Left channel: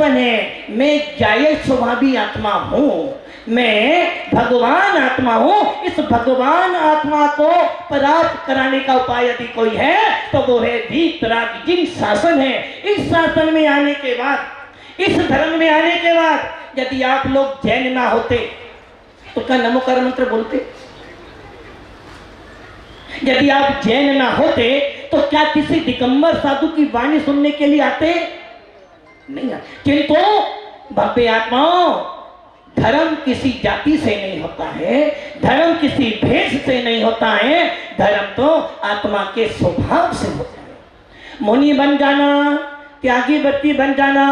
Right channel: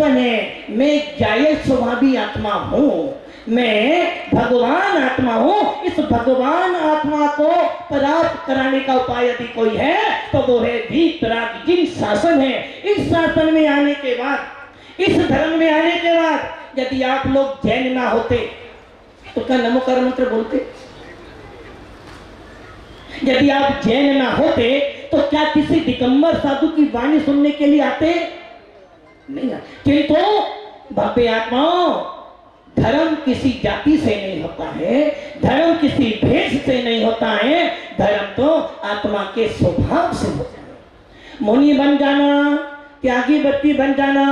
दर्शन है। मैं जायज स्वभावी आत्मा हूँ, मैं भगवान आत्मा हूँ। इस भगवान आत्मा को प्राप्त कराने का उपाय यदि कोई है तो वो है वीतराग जिन शासन है। इस शासन में आने के बाद, इस धर्म में आने के बाद यदि आप लोग जैन ना होते तो क्या नमोकार मंत्र बोलते? यदि आप जैन ना होते तो क्या किसी दिगंबर साधु की वाणी सुनने के लिए आते? नहीं आते। किंतु भव्य आत्माओं, धर्म किसी जाति से नहीं होता है, धर्म किसी भेष से नहीं होता है, धर्म तो आत्मा के स्वभाव से होता है। मुनि बन जाना, त्यागी व्रती बन जाना,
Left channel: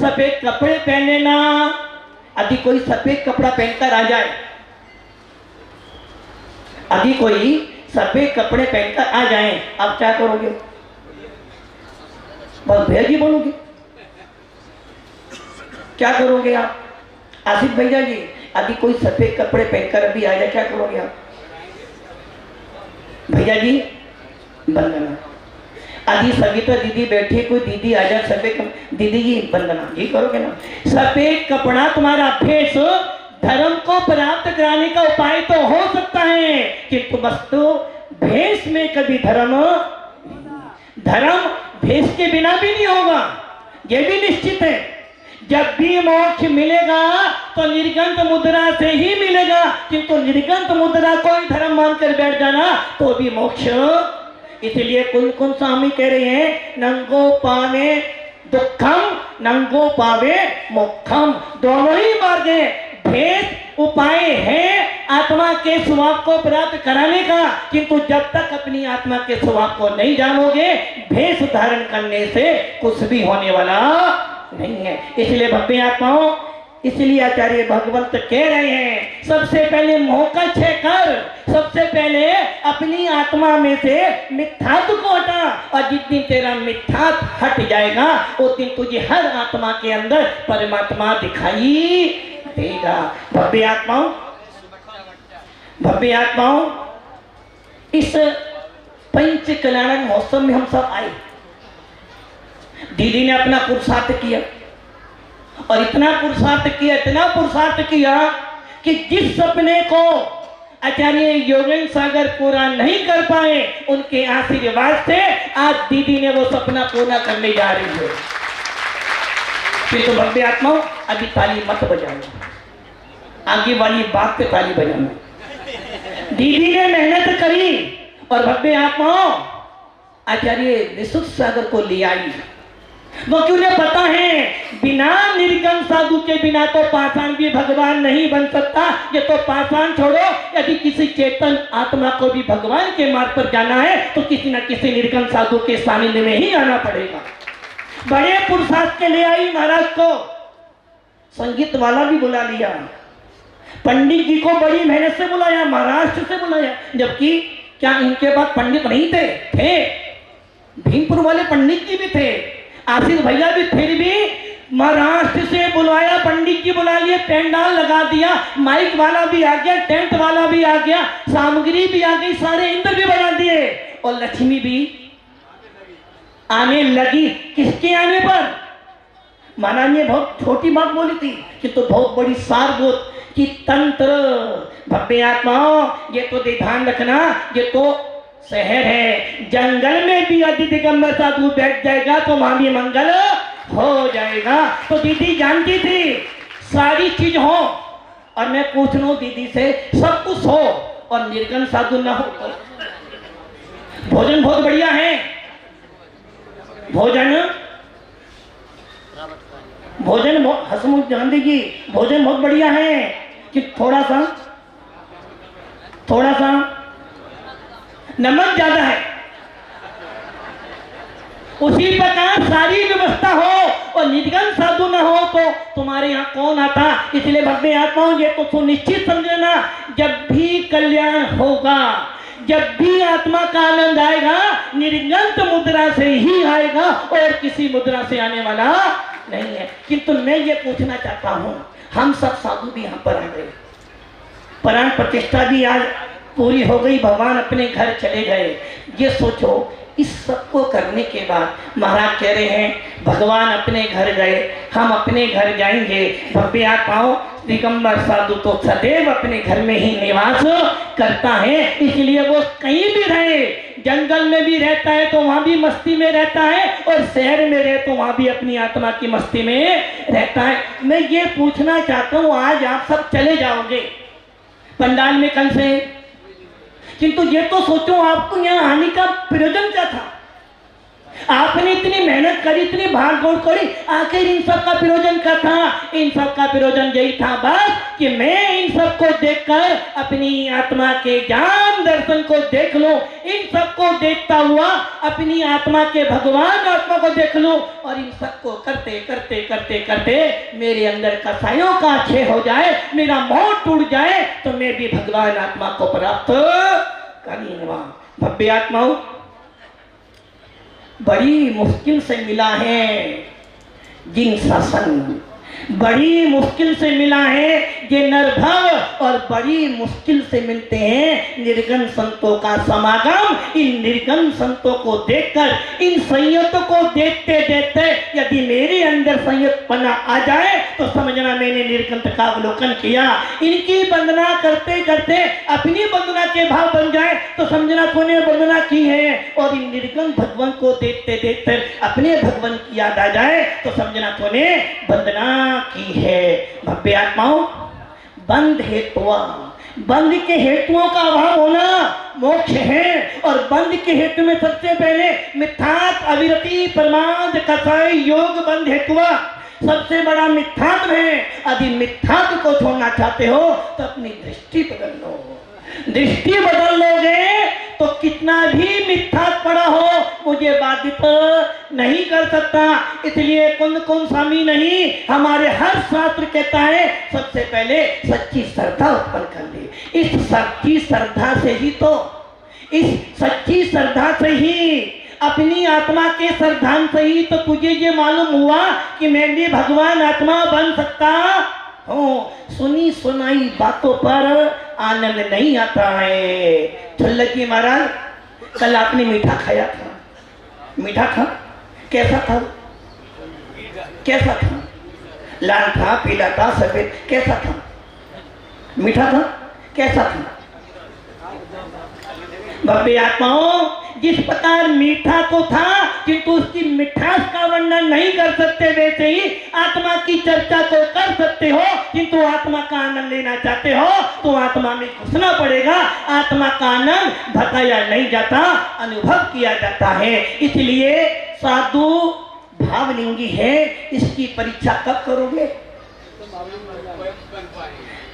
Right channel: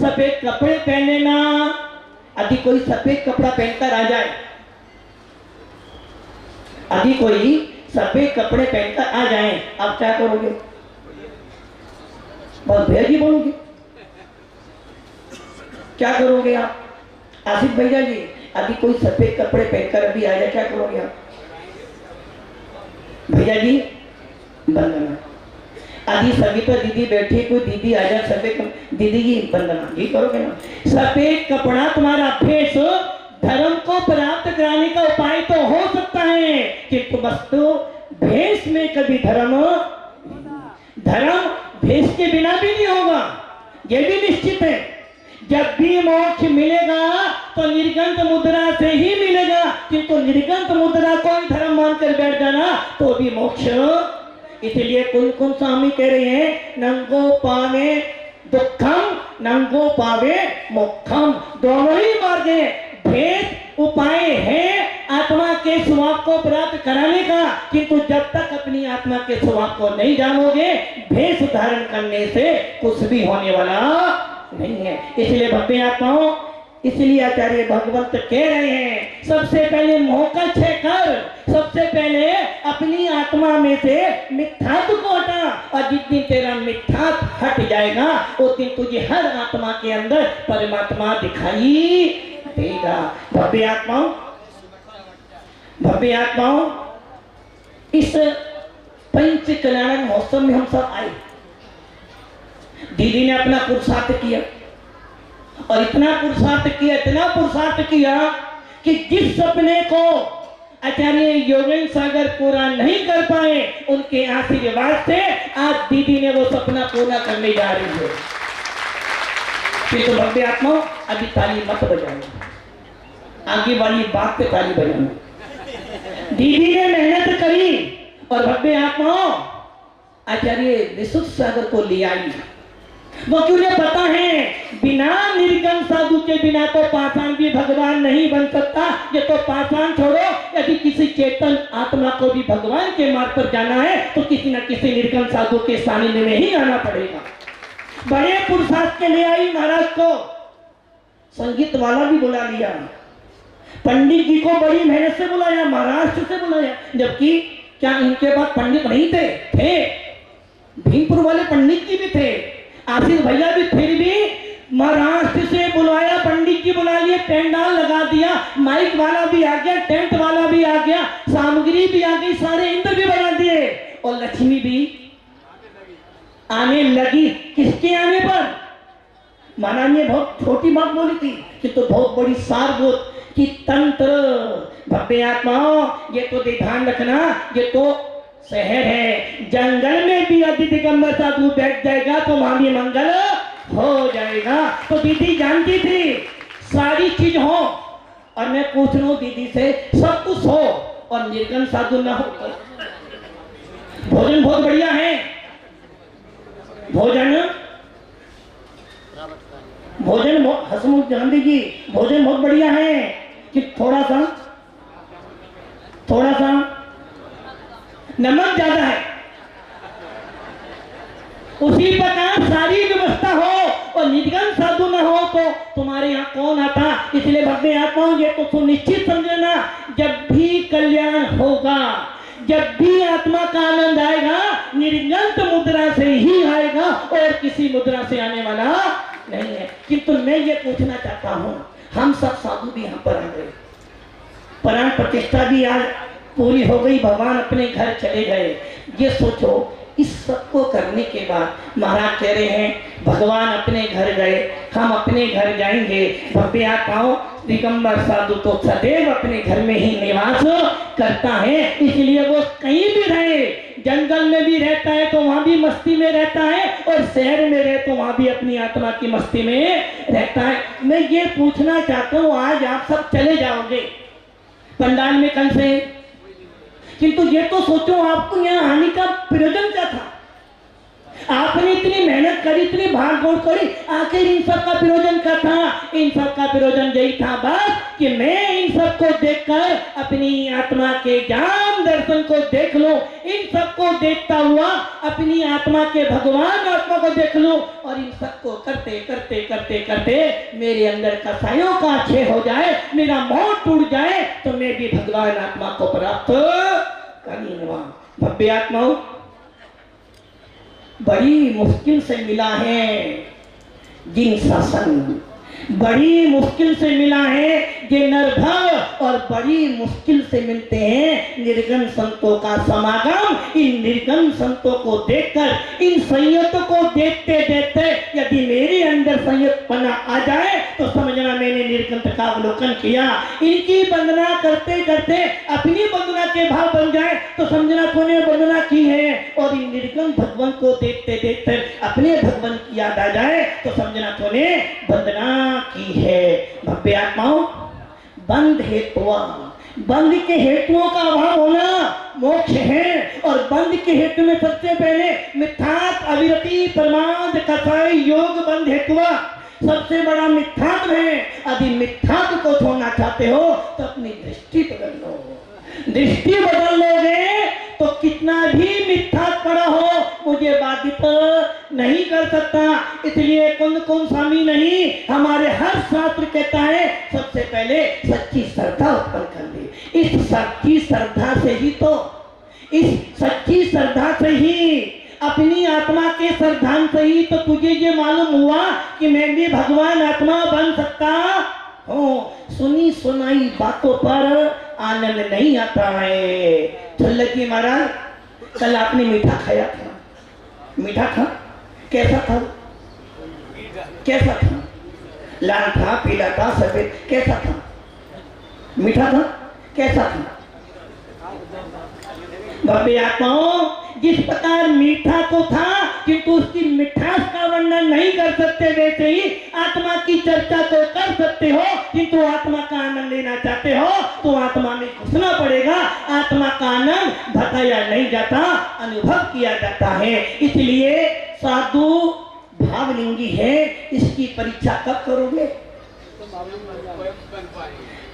सफेद कपड़े पहन लेना। यदि कोई सफेद कपड़ा पहनकर आ जाए, यदि कोई सफेद कपड़े पहनकर आ जाए, आप क्या करोगे? बस भैया जी बोलोगे? क्या करोगे आप? आसिफ भैया जी, यदि कोई सफेद कपड़े पहनकर अभी आ जाए, क्या करोगे आप? भैया जी वंदना। यदि सविता दीदी बैठी, कोई दीदी आ जाए सफेद, दीदी जी वंदना, जी करोगे ना? सफेद कपड़ा तुम्हारा भेष धर्म को प्राप्त कराने का उपाय तो हो सकता है, किंतु वस्तु भेष में कभी धर्म भेष के बिना भी नहीं होगा, यह भी निश्चित है। जब भी मोक्ष मिलेगा तो निर्गंत मुद्रा से ही मिलेगा, किंतु निर्गंत मुद्रा को ही धर्म मानकर बैठ जाना तो भी मोक्ष। इसलिए कुन स्वामी कह रहे हैं, नंगो पावे दुखम नंगो पावे मोक्षम, दोनों ही मार्ग है। भेद उपाय है आत्मा के स्वभाव को प्राप्त कराने का, किंतु जब तक अपनी आत्मा के स्वभाव को नहीं जानोगे, भेष धारण करने से कुछ भी होने वाला नहीं है। इसलिए भक्ति आत्माओं, इसलिए आचार्य भगवंत कह रहे हैं, सबसे पहले मोह का क्षय कर, सबसे पहले अपनी आत्मा में से मिथ्यात्व को हटा, और जिस दिन तेरा मिथ्यात्व हट जाएगा उस दिन तुझे हर आत्मा के अंदर परमात्मा दिखाई देगा। भव्य आत्माओं, भव्य आत्माओं, इस पंच कल्याण महोत्सव में हम सब आए। दीदी ने अपना पुरुषार्थ किया, और इतना पुरुषार्थ किया, इतना पुरुषार्थ किया कि जिस सपने को आचार्य योगेंद्र सागर पूरा नहीं कर पाए, उनके आशीर्वाद से आज दीदी ने वो सपना पूरा करने जा रही है। तो भव्य आत्माओं, अभी ताली मत बजाना, आगे वाली बात पे ताली बजाना। दीदी ने मेहनत करी और भव्य आत्माओं आचार्य विशुद्ध सागर को ले आई। वो क्यों उन्हें पता है बिना निर्गम साधु के बिना तो पाषाण भी भगवान नहीं बन सकता। ये तो पाषाण छोड़ो, यदि किसी चेतन आत्मा को भी भगवान के मार्ग पर जाना है तो किसी न किसी निर्गम साधु के सानिध्य में ही आना पड़ेगा। बड़े पुरुषार्थ के ले आई महाराज को, संगीत वाला भी बुला लिया, पंडित जी को बड़ी मेहनत से बुलाया, महाराष्ट्र से बुलाया, जबकि क्या इनके पास पंडित नहीं थे? भीमपुर वाले पंडित जी भी थे, आशीष भैया भी, फिर भी महाराष्ट्र से बुलाया, पंडित जी बुला लिए, पेंडाल लगा दिया, माइक वाला भी आ गया, टेंट वाला भी आ गया, सामग्री भी आ गई, सारे इंद्र भी बना दिए, और लक्ष्मी भी आने लगी। किसके आने पर? महाराज ने बहुत छोटी बात बोली थी कि तो बहुत बड़ी सारभूत कि तंत्र। भव्य आत्माओं, ये तो ध्यान रखना, ये तो शहर है, जंगल में भी यदि दिगंबर साधु बैठ जाएगा तो वहां भी मंगल हो जाएगा। तो दीदी जानती थी सारी चीज हो, और मैं पूछ लूं दीदी से, सब कुछ हो और निर्गम साधु ना हो तो? भोजन बहुत बढ़िया है, भोजन हसमुख गांधी जी, भोजन बहुत बढ़िया है कि थोड़ा सा नमक ज्यादा है, उसी प्रकार सारी व्यवस्था हो और निर्गम साधु न हो तो तुम्हारे यहाँ कौन आता। इसलिए भव्य आत्माओं, ये तो सुनिश्चित समझना, जब भी कल्याण होगा, जब भी आत्मा का आनंद आएगा, निर्गंत मुद्रा से ही आएगा और किसी मुद्रा से आने वाला नहीं है। किंतु मैं ये पूछना चाहता हूँ, हम सब साधु भी यहाँ पर आ गए, प्राण प्रतिष्ठा भी आज पूरी हो गई, भगवान अपने घर चले गए। ये सोचो इस सब को करने के बाद महाराज कह रहे हैं भगवान अपने घर गए, हम अपने घर जाएंगे। भव्य आत्माओं, दिगंबर साधु तो सदैव अपने घर में ही निवास करता है, इसलिए वो कहीं भी रहे, जंगल में भी रहता है तो वहां भी मस्ती में रहता है, और शहर में रहे तो वहां भी अपनी आत्मा की मस्ती में रहता है। मैं ये पूछना चाहता हूँ, आज आप सब चले जाओगे पंडाल में कल से, किंतु ये तो सोचो आपको यहाँ आने का प्रयोजन क्या था? आपने इतनी मेहनत करी, इतनी भाग दौड़ करी, आखिर इन सब का प्रयोजन क्या था? इन सब का प्रयोजन यही था बस कि मैं इन सब को देखकर अपनी आत्मा के ज्ञान दर्शन को देख लूं, इन सब को देखता हुआ अपनी आत्मा के भगवान आत्मा को देख लूं, और इन सब को करते करते करते करते मेरे अंदर कसायों का क्षय हो जाए, मेरा मोह टूट जाए, तो मैं भी भगवान आत्मा को प्राप्त कर लूंगा। भव्य आत्माओं, बड़ी मुश्किल से मिला है जिन सत्संग, बड़ी मुश्किल से मिला है ये नरभव, और बड़ी मुश्किल से मिलते हैं निर्गुण संतों का समागम। इन निर्गुण संतों को देखकर, इन संयतों को देखते देखते यदि मेरे अंदर संयतपना आ जाए तो समझना मैंने निर्गुण का अवलोकन किया। इनकी वंदना करते करते अपनी वंदना के भाव बन जाए तो समझना तूने वंदना की है, और इन निर्गुण भगवान को देखते देखते अपने भगवान की याद आ जाए तो समझना तूने वंदना की है। भव्य आत्माओं, बंध हेतुआ, बंध के हेतुओं का अभाव होना मोक्ष है, और बंध के हेतु में सबसे पहले मिथ्यात्व, अविरति, प्रमाद, कसाई, योग बंध हेतुआ सबसे बड़ा मिथ्यात्व है। यदि मिथ्यात्व को छोड़ना चाहते हो तो अपनी दृष्टि बदल लो, दृष्टि बदल लोगे तो कितना भी मिथ्यात्व पड़ा हो मुझे बाधित नहीं कर सकता। इसलिए कुंद स्वामी नहीं, हमारे हर शास्त्र कहता है सबसे पहले सच्ची श्रद्धा उत्पन्न कर ले। इस सच्ची श्रद्धा से ही तो, इस सच्ची श्रद्धा से ही, अपनी आत्मा के श्रद्धांत से ही तो तुझे ये मालूम हुआ कि मैं भी भगवान आत्मा बन सकता हूँ। सुनी सुनाई बातों पर आनंद नहीं आता है। छल्लकी महाराज, कल आपने मीठा खाया था, मीठा था, कैसा था? कैसा था? लाल था, पीला था, सफेद, कैसा था? मीठा था, कैसा था? भव्य आत्माओं, जिस प्रकार मीठा तो था किंतु उसकी मिठास का वर्णन नहीं कर सकते, वैसे ही आत्मा की चर्चा तो कर सकते हो, किंतु आत्मा का आनंद लेना चाहते हो तो आत्मा में घुसना पड़ेगा। आत्मा का आनंद बताया नहीं जाता, अनुभव किया जाता है। इसलिए साधु भावलिंगी है, इसकी परीक्षा कब करोगे?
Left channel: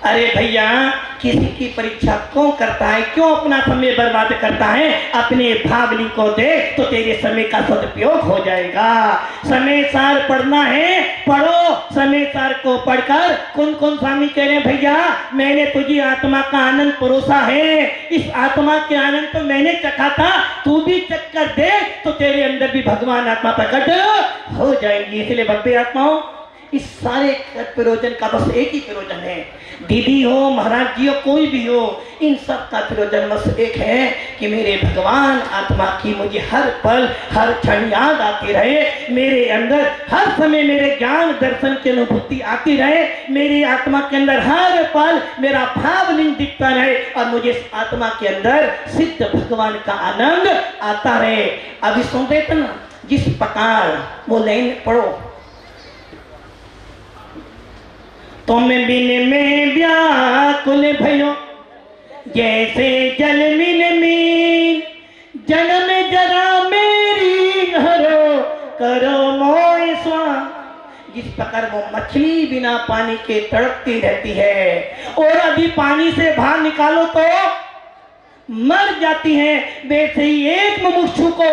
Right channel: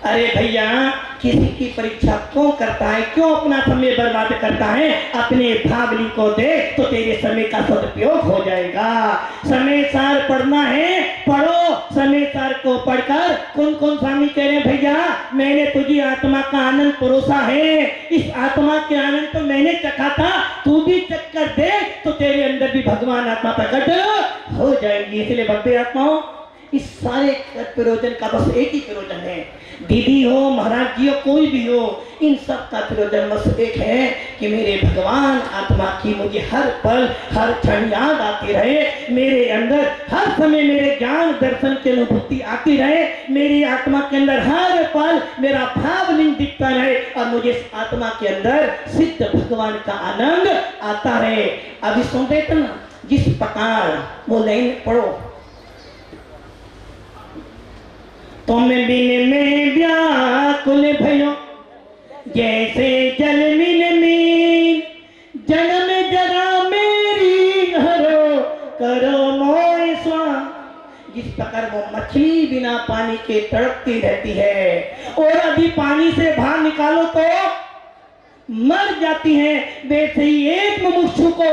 अरे भैया, किसी की परीक्षा क्यों करता है? क्यों अपना समय बर्बाद करता है? अपने भावली को दे तो तेरे समय का सदुपयोग हो जाएगा। समय सार पढ़ना है, पढ़ो। समय सार को पढ़कर कौन स्वामी कह रहे भैया मैंने तुझी आत्मा का आनंद परोसा है, इस आत्मा के आनंद तो मैंने चखा था, तू भी चख कर दे तो तेरे अंदर भी भगवान आत्मा प्रकट हो जाएंगी। इसलिए भव्य आत्माओं, इस सारे प्रयोजन का बस एक ही प्रयोजन है। दीदी हो, महाराज जी हो, कोई भी हो, इन सब का प्रयोजन बस एक है कि मेरे भगवान आत्मा की मुझे हर पल हर क्षण याद आती रहे, मेरे अंदर हर समय मेरे ज्ञान दर्शन की अनुभूति आती रहे, मेरी आत्मा के अंदर हर पल मेरा भावलिंग दिखता रहे, और मुझे इस आत्मा के अंदर सिद्ध भगवान का आनंद आता रहे। अभी सुनते थे ना, जिस प्रकार वो लाइन पढ़ो, तुम बिन में व्याकुल भयो जैसे जल बिन मीन, जन्म जरा मेरी घरो करो मोय स्वाम। जिस प्रकार वो मछली बिना पानी के तड़पती रहती है और यदि पानी से बाहर निकालो तो मर जाती है, वैसे ही एक मुमुक्षु को,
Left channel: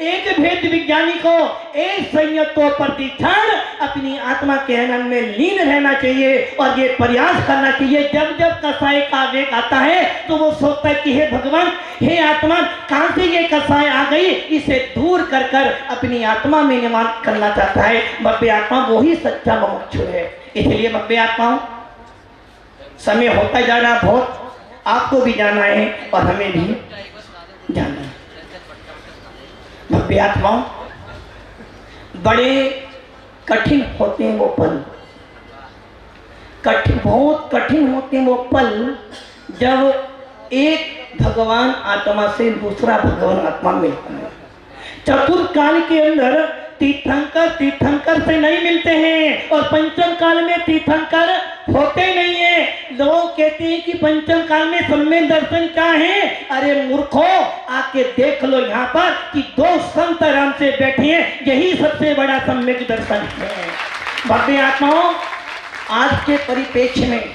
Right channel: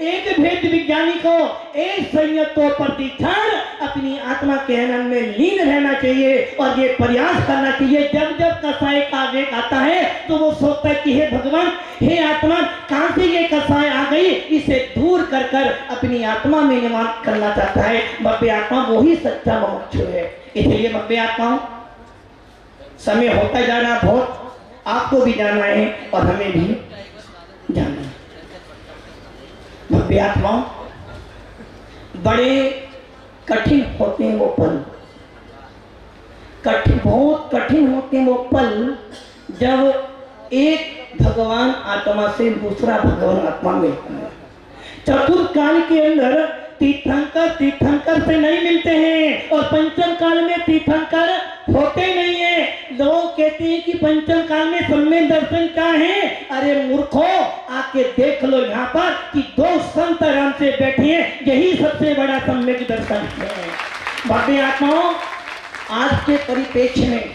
एक भेद विज्ञानी को एक संयतों प्रतिक्षण अपनी आत्मा के आनंद में लीन रहना चाहिए, और ये प्रयास करना चाहिए। जब जब कसाय का वेग आता है तो वो सोचता है कि हे भगवान, हे आत्मा, कहां से ये कसाय आ गई, इसे दूर कर कर अपनी आत्मा में निवास करना चाहता है। भव्य आत्मा वो ही सच्चा मुमुक्षु है। इसलिए भव्य आत्मा, समय होता जा रहा बहुत, आपको भी जाना है और हमें भी जाना है। भव्य आत्माओं, बड़े कठिन होते हैं वो पल, बहुत कठिन होते हैं वो पल जब एक भगवान आत्मा से दूसरा भगवान आत्मा मिलता है। चतुर्थ काल के अंदर तीर्थंकर से नहीं मिलते हैं और पंचम काल में तीर्थंकर होते नहीं है। लोग कहते हैं कि पंचम काल में सम्यक दर्शन क्या है? अरे मूर्खो, आके देख लो यहाँ पर कि दो संत आराम से बैठे हैं, यही सबसे बड़ा सम्यक दर्शन है। भव्य आत्माओं, आज के परिप्रेक्ष्य में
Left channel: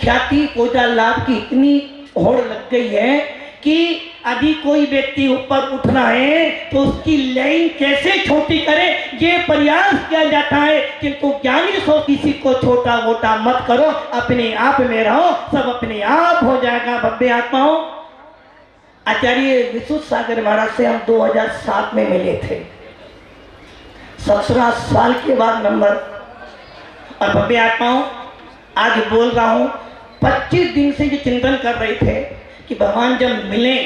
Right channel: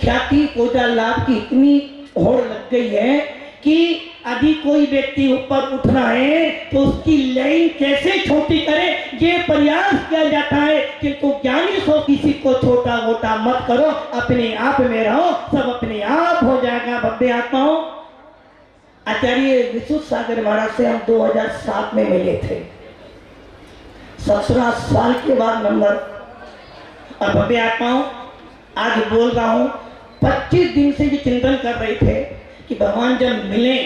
ख्याति पूजा लाभ की इतनी होड़ लग गई है कि यदि कोई व्यक्ति ऊपर उठना है तो उसकी लाइन कैसे छोटी करे ये प्रयास किया जाता है, किंतु ज्ञानी सो किसी को छोटा मोटा मत करो, अपने आप में रहो, सब अपने आप हो जाएगा। भव्य आत्माओं, आचार्य विशुद्ध सागर महाराज से हम 2007 में मिले थे, 17 साल के बाद नंबर। और भव्य आत्माओं, आज बोल रहा हूं, 25 दिन से ये चिंतन कर रहे थे कि भगवान जब मिले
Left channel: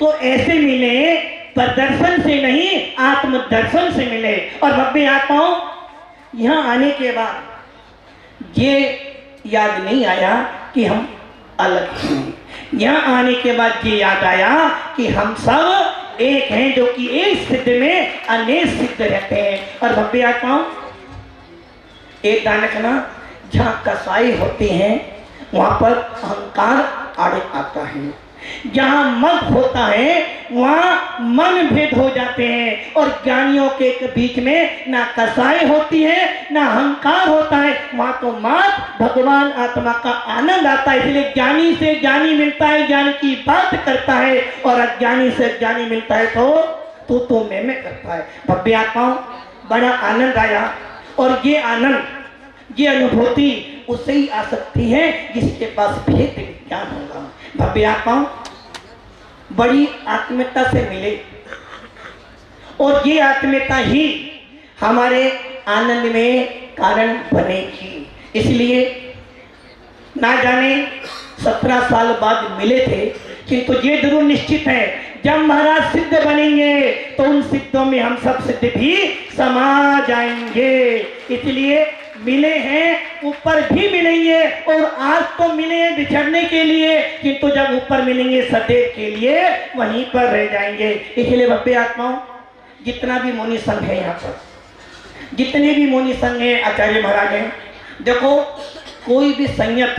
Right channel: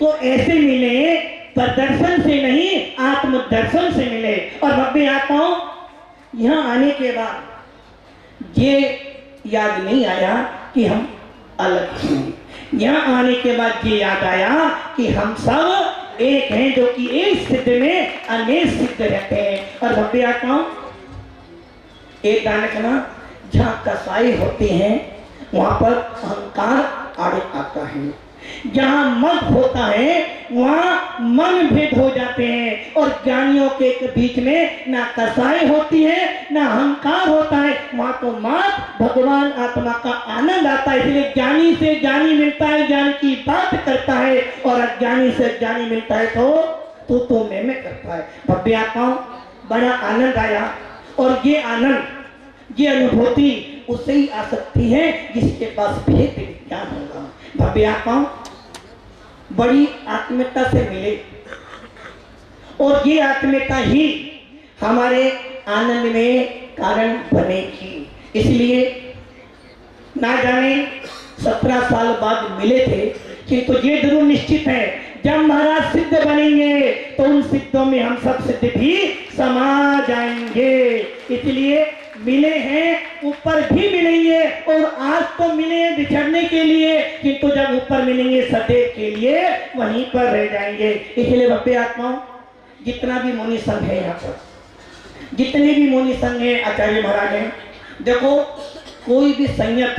तो ऐसे मिले, पर दर्शन से नहीं आत्मदर्शन से मिले। और भव्य आत्माओं, यहाँ आने के बाद ये याद नहीं आया कि हम अलग हैं। यहाँ आने के बाद ये याद आया कि हम सब एक हैं, जो कि एक सिद्ध में अनेक सिद्ध रहते हैं। और भव्य आत्माओं, एक दानक ना जहाँ कसाई होते हैं वहां पर अहंकार आड़े आता है, जहाँ मत होता है वहाँ मन भेद हो जाते हैं। और ज्ञानियों के बीच में ना कसाई होती है ना अहंकार होता है, वहाँ तो मात्र भगवान आत्मा का आनंद आता है। इसलिए ज्ञानी से ज्ञानी मिलता है, ज्ञान की बात करता है, और अज्ञानी से ज्ञानी मिलता है तो मैं करता है। भव्य आत्माओं, बड़ा आनंद आया, और ये आनंद, ये अनुभूति उससे ही आ सकती है जिसके पास भेद ज्ञान होगा। भव्य आत्माओं, बड़ी आत्मीयता से मिले, और ये आत्मीयता ही हमारे आनंद में कारण बनेगी। इसलिए ना जाने 17 साल बाद मिले थे, किंतु ये जरूर निश्चित है जब महाराज सिद्ध बनेंगे तो उन सिद्धों में हम सब सिद्ध भी समा जाएंगे। इसलिए मिले हैं, ऊपर भी मिलेंगे, और आज तो मिले हैं बिछड़ने के लिए, किंतु जब ऊपर मिलेंगे सदैव के लिए वहीं पर रह जाएंगे। इसलिए भव्य आत्माओं, जितना भी मुनि संघ है यहाँ पर, जितने भी मुनि संघ है, आचार्य महाराज हैं, देखो कोई भी संयत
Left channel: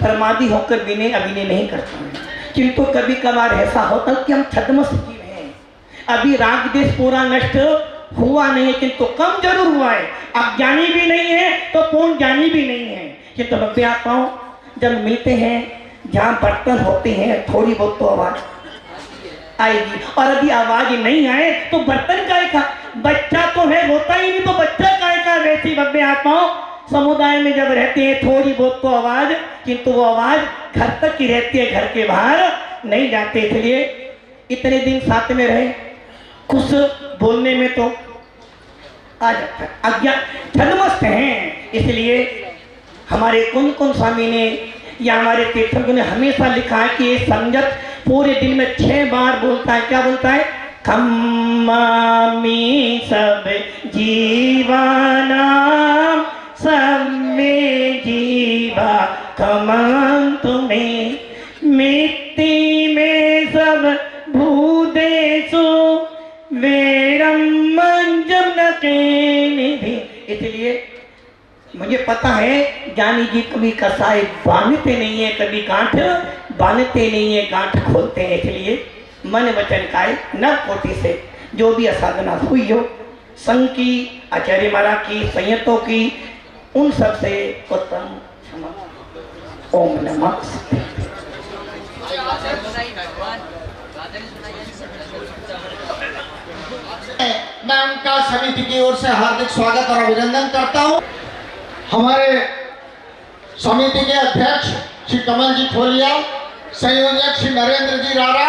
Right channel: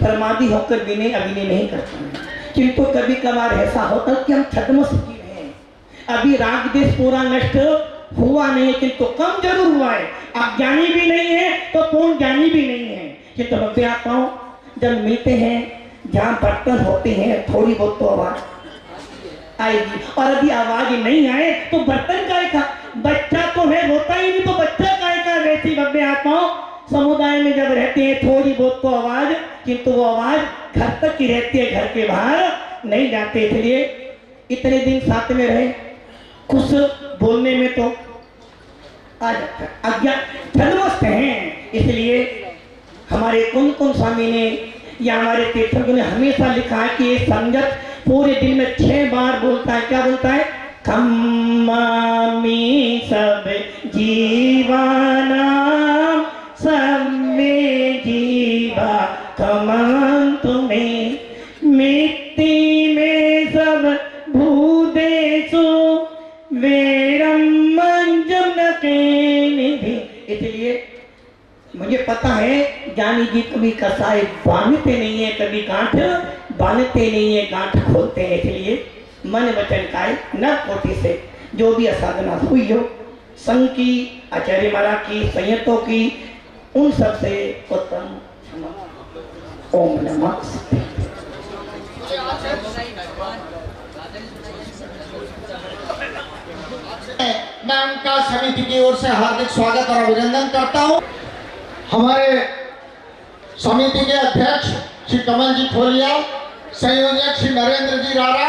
परमादि होकर विनय अभिनय नहीं करता है, किंतु कभी कभार ऐसा होता है कि हम छद्मस जीव हैं, अभी राग देश पूरा नष्ट हुआ नहीं है, किंतु कम जरूर हुआ है। अज्ञानी भी नहीं है तो पूर्ण ज्ञानी भी नहीं है। किंतु भव्य आत्माओं, जब मिलते हैं, जहाँ बर्तन होते हैं, थोड़ी बहुत तो आवाज आएगी, और यदि आवाज नहीं आए तो बर्तन का बच्चा तो है, रोता ही नहीं तो बच्चा का वैसी भव्य आत्माओं, समुदाय में जब रहते हैं थोड़ी बहुत तो आवाज, किंतु वो आवाज घर तक ही रहती है, घर के बाहर नहीं जाते। इसलिए इतने दिन साथ में रहे, कुछ बोलने में तो आ जाता है, अज्ञान छद्मस्त हैं। इसलिए हमारे कुन स्वामी ने या हमारे तीर्थंकरों ने हमेशा लिखा है कि ये संगत पूरे दिन में 6 बार बोलता है। क्या बोलता है? खम्मामी सब जीवानाम सब में जीवा खमं तुम्हें, मिट्टी में सब भूदेशु वेरम मंजम के निधि। इसलिए मुझे पता है ज्ञानी जी कभी कसाई बांधते नहीं है, कभी गांठ बांधते नहीं है, गांठ खोलते हैं। इसलिए मन वचन काय न कोटि से जो भी असाधना हुई हो, संघ की, आचार्य महाराज की, संयतों की, उन सब से उत्तम क्षमा। ओम नमः शिवाय। मैं उनका समिति की ओर से हार्दिक स्वागत और अभिनंदन करता हूं। हमारे समिति के अध्यक्ष श्री कमल जी खोलिया, संयोजक श्री नरेंद्र जी रारा,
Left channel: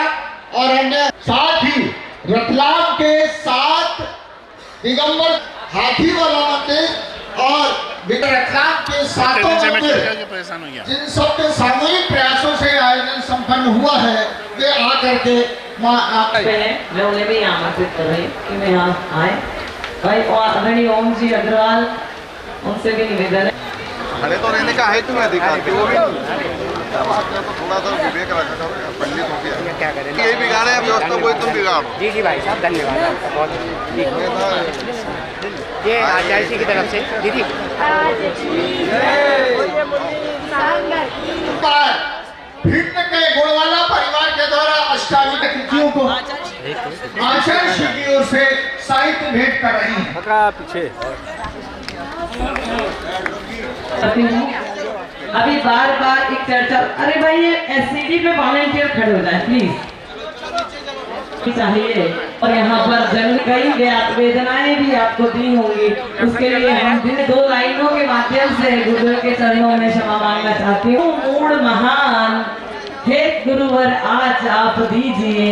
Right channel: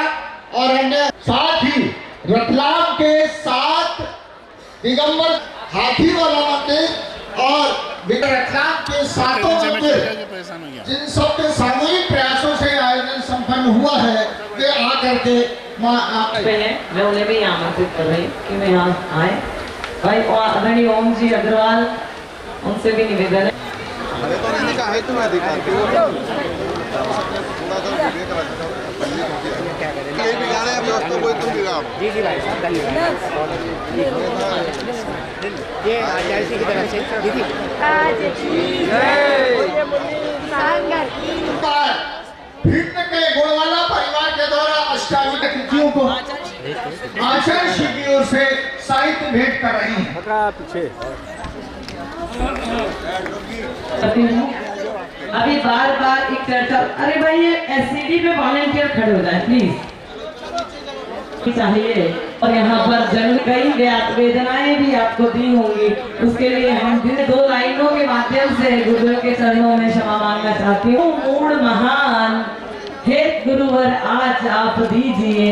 और अन्य साथ ही रतलाम के 7 दिगंबर हाथी वाला मंदिर और रतलाम के 7 मंदिर, जिन सब के सामूहिक प्रयासों से आयोजन संपन्न हुआ है, वे आकर के पहले मैं उन्हें भी आमंत्रित कर रही हूँ कि मैं यहाँ आए। भाई और आदरणीय ओम जी अग्रवाल, उनसे भी निवेदन है। खड़े तो रहने का है तुम्हें अधिकार, तो थोड़ा सा विवेक रखना, पंडित हो गया क्या करें, यही बिगाड़े हैं व्यवस्था, कोई तुम बिगाड़ो। जी जी भाई साहब धन्यवाद। ये आचार्य जी की तरफ से दीदी भिन्न के गुणवाला परिवार के द्वारा अष्टाविध कृतियों को आचार्य श्री की ओर से साहित्य भेंट कर रही है। पीछे अभी बार बार एक चर्चा, अरे भाई ये एससीडी पे वॉलंटियर खड़े हो जाए प्लीज, चाहिए। और यहाँ पर जन्म कई वेदनाएं भी आपको दी होंगी, उसके लिए हम जिन 2 लाइनों के माध्यम से गुरुदेव के चरणों में क्षमा मांगना चाहती हूँ। मूड महान हे गुरुवर आज आप दीजिए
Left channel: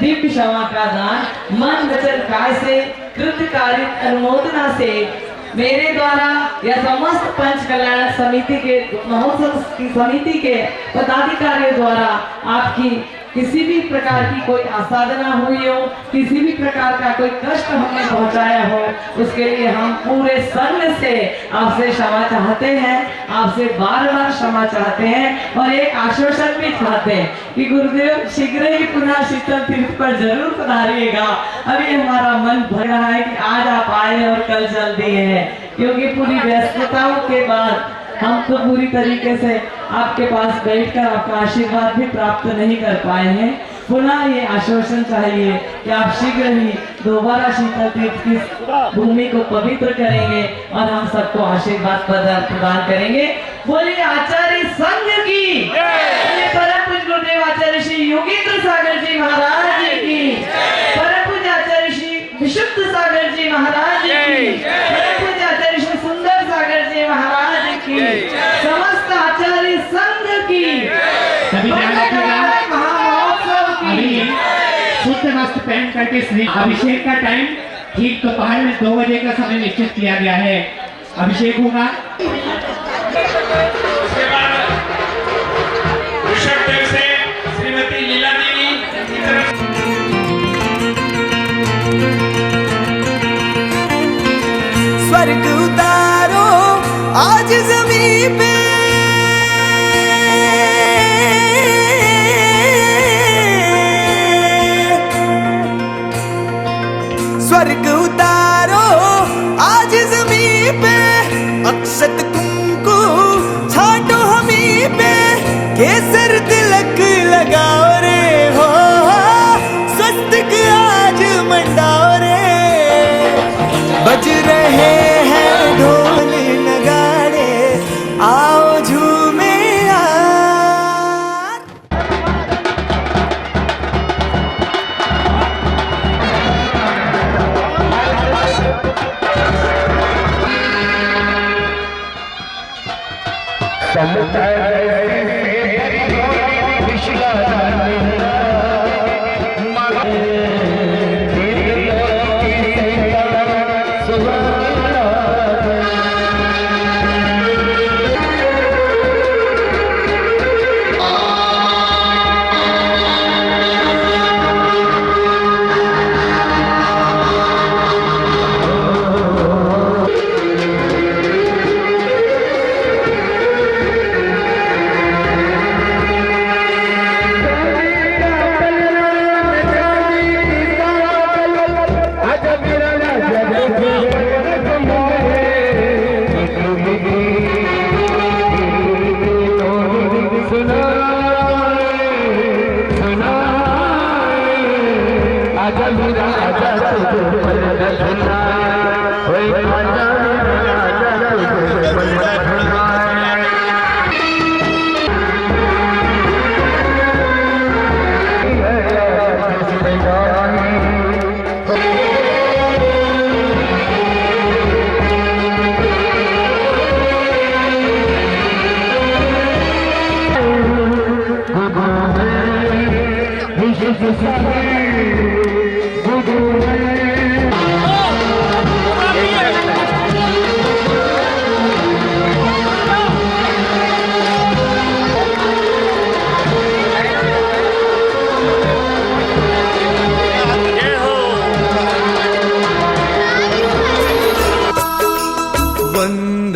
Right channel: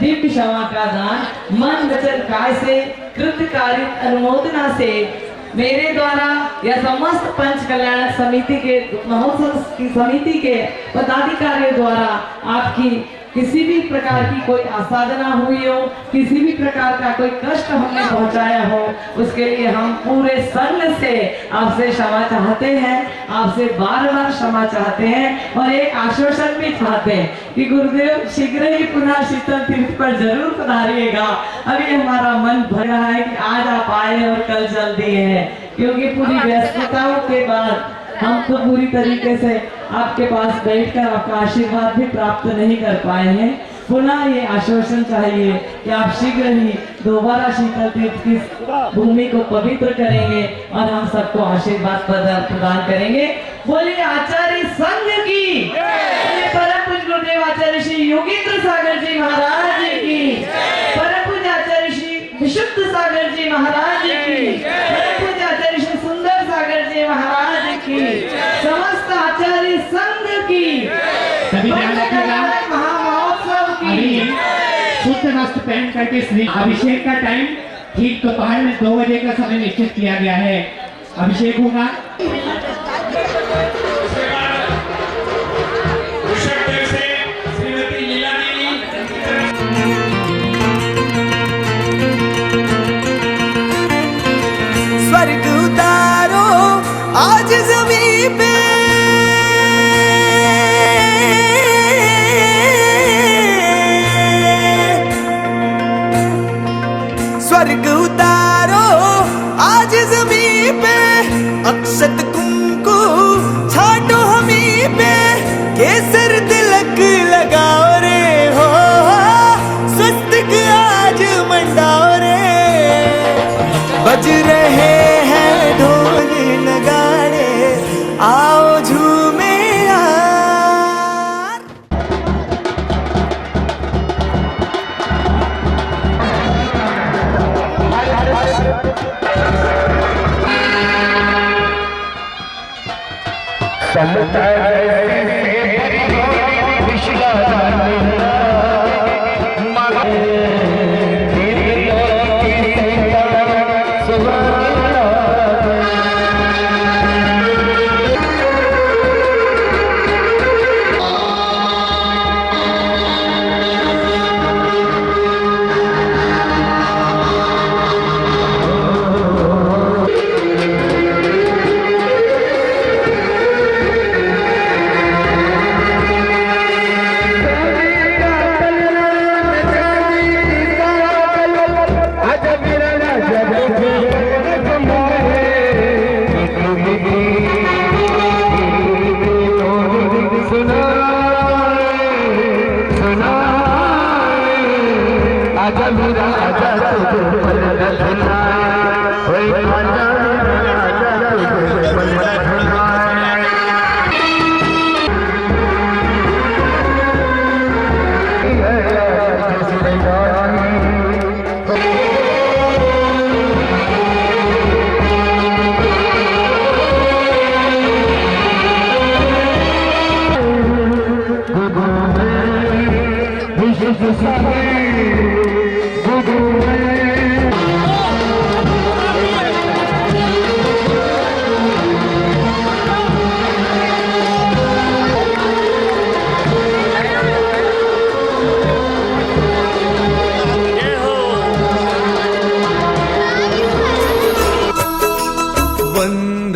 दिव्य क्षमा का दान, मन वचन काय से कृतकारित अनुमोदना से मेरे द्वारा या समस्त पंच कल्याण समिति के महोत्सव की समिति के पदाधिकारियों द्वारा आपकी किसी भी प्रकार की कोई असाधना हुई हो, किसी भी प्रकार का कोई कष्ट हमने पहुंचाया हो, उसके लिए हम पूरे संघ से आपसे क्षमा चाहते हैं, आपसे बार बार क्षमा चाहते हैं और एक आश्वासन भी चाहते हैं कि गुरुदेव शीघ्र ही पुनः शीतल तीर्थ पर जरूर पधारिएगा। अभी हमारा मन भर रहा है कि आज आप आए और कल चल दिए हैं, क्योंकि पूरी व्यस्तताओं के बाद हम तो पूरी तरीके से आपके पास बैठकर आपका आशीर्वाद भी प्राप्त नहीं कर पाए हैं। पुनः ये आश्वासन चाहिए कि आप शीघ्र ही दोबारा शीतल तीर्थ की भूमि को पवित्र करेंगे और हम सबको आशीर्वाद प्रदान करेंगे। बोलिए आचार्य संघ की, बोलिए परम पूज्य गुरुदेव आचार्य श्री योगेंद्र सागर जी महाराज की, परम पूज्य आचार्य श्री विशुद्ध सागर जी महाराज की, परम पूज्य आचार्य श्री सुंदर सागर जी महाराज की, समस्त आचार्य संघ की, सभी ध्यान रखिएगा। महामहोत्सव की। शुद्ध वस्त्र पहन करके श्री अभिषेक का टाइम ठीक दोपहर में 2 बजे का समय निश्चित किया गया है। अभिषेक होगा। श्रीमती लीला देवी स्वर्ग उतारो आज जमीन पे, स्वर्ग उतारो आज जमीन पे, अक्षत कुंकु छाटो हमी पे, केसर तिलक लगाओ रे हो, स्वस्तिक आज मंडाओ रे, बज रहे हैं ढोल नगाड़े आओ झूमे यार।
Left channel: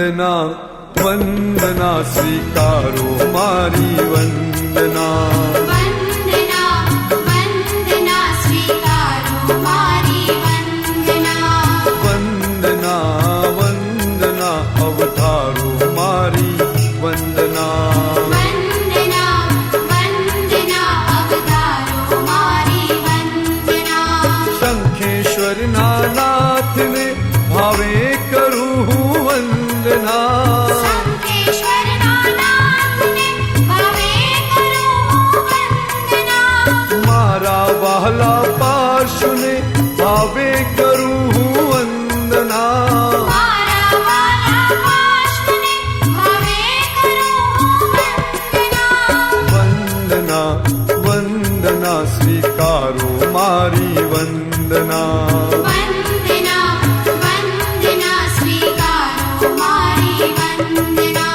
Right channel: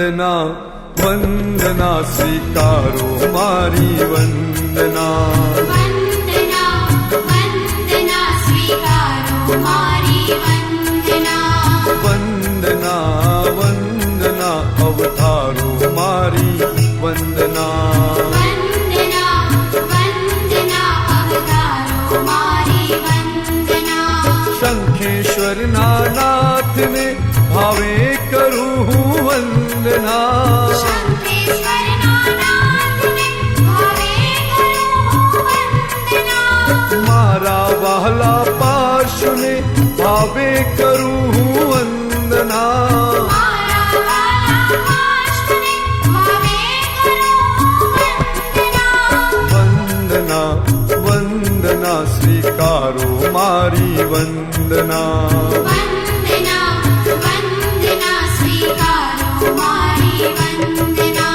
वंदना वंदना स्वीकारो मारी वंदना वंदना वंदना स्वीकारो मारी वंदना वंदना वंदना अवतारो मारी वंदना वंदना वंदना अवतारो मारी वंदना शंखेश्वर नाथ ने भावे करूँ वंदना शंखेश्वर नाथ ने भावे करूँ वंदना मारा वाला पार्श्व ने भावे करूँ वंदना मारा वाला पार्श्व ने भावे करूँ वंदना वंदना वंदना स्वीकारो मारी वंदना वंदना वंदना स्वीकारो मारी वंदना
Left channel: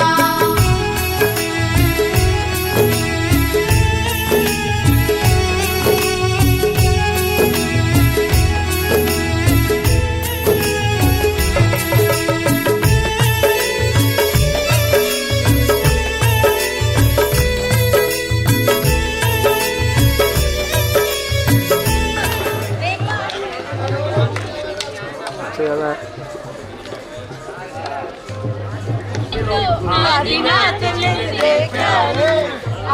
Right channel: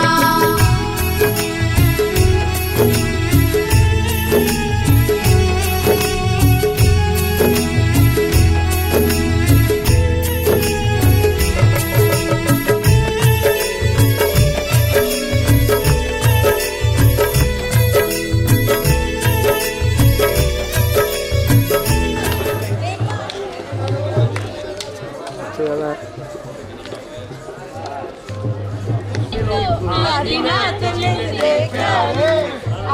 आदिनाथ ने देखा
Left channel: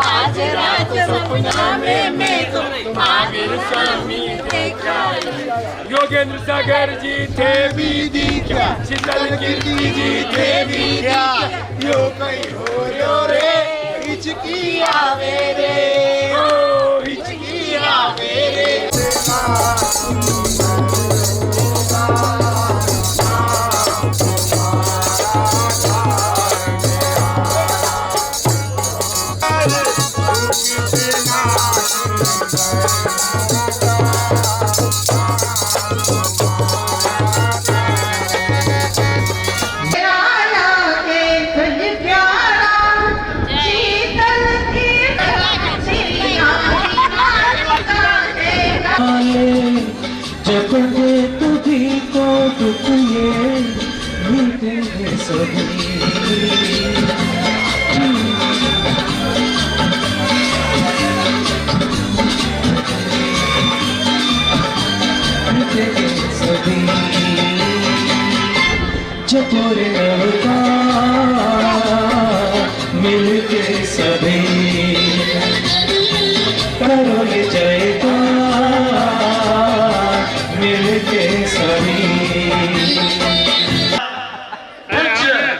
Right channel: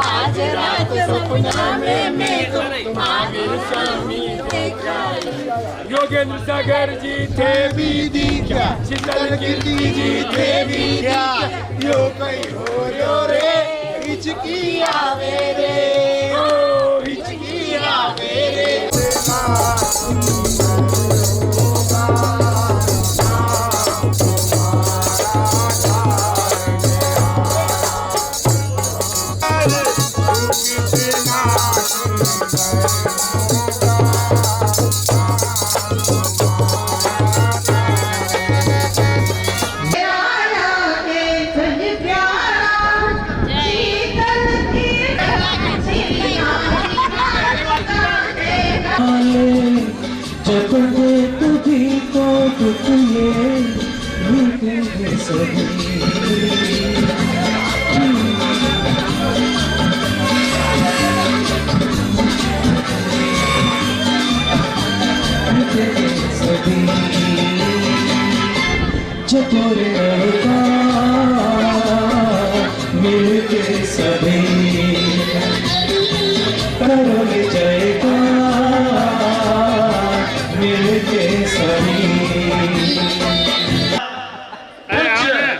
आज रात सपना में तुम्हारे स्वामी देखा योगेंद्र सागर जी थे भी दिखा शीतल कीर्ति जी थे भी क्या यो कहीं हो रो रे हिचकी आवे रे ओ हिचकी आवे रे जब ये तुझी को दुख ये भूतेंगे सभी सभी चकोरे का मिलके सभी करोगे जयका मिलके सभी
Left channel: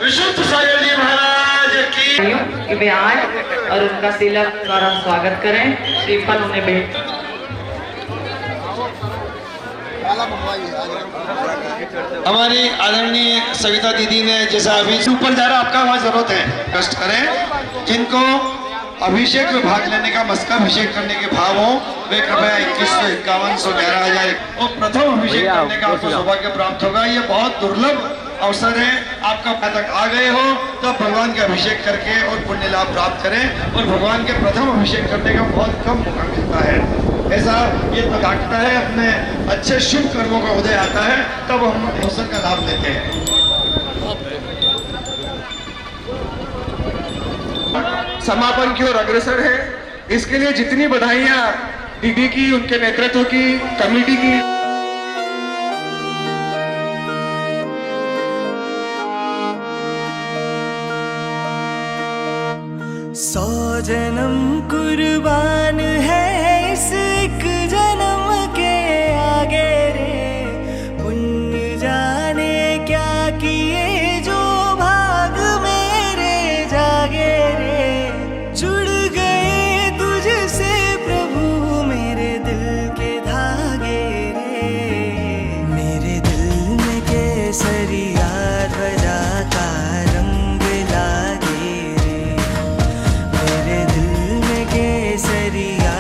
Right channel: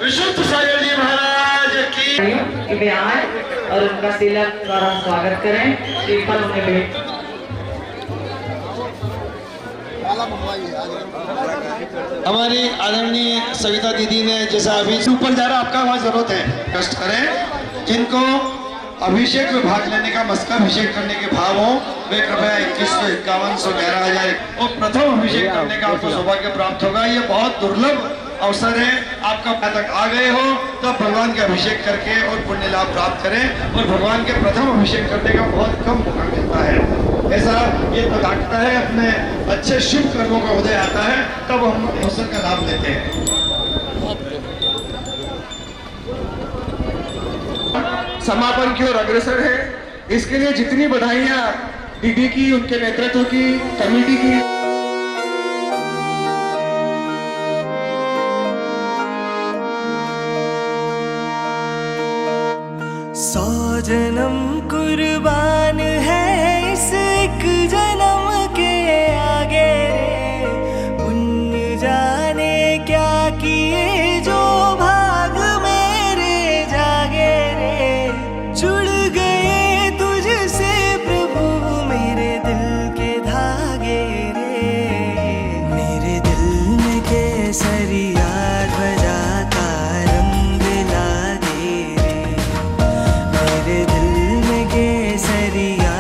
विशुद्ध सागर जी महाराज की कि वे आए और उनका तिलक द्वारा स्वागत करें। श्रीफल उन्हें भेंट हमारी आदरणीय सविता दीदी ने जैसा अभी ऊपर जा रहा आपका वहाँ जरूरत है कष्ट करें। जिनको अभिषेक में भाग लेने का मस्का अभिषेक करने के भाव हो वे कृपया 2151 111 11,000 और प्रथम अभिषेक करने का आपको सौभाग्य प्राप्त होगा। ये बहुत दुर्लभ अवसर है। आपका तक आ गए हो तो भगवान के अभिषेक करके और पुण्य लाभ प्राप्त करें और भगवान के प्रथम अभिषेक करने का बहुत कम मौका मिलता है। ऐसा ये तो डाकता है अपने अच्छे शुभ कर्मों का उदय आता है तब हम अवसर का लाभ लेते हैं। समापन की ओर अग्रसर है। इसके लिए जितनी बधाइयां दीदी की, उनके नेतृत्व की, कमेटी की। सौ जन्म कुर्बान है इस एक जन्म के आगे रे, पुण्य जाने क्या किए जो भाग मेरे जागे रे। जुड़ गए तुझसे प्रभु मेरे दिल के धागे रे, मेरे दिल में केसरिया ध्वजा का रंग लागे रे, मेरे दिल में केसरिया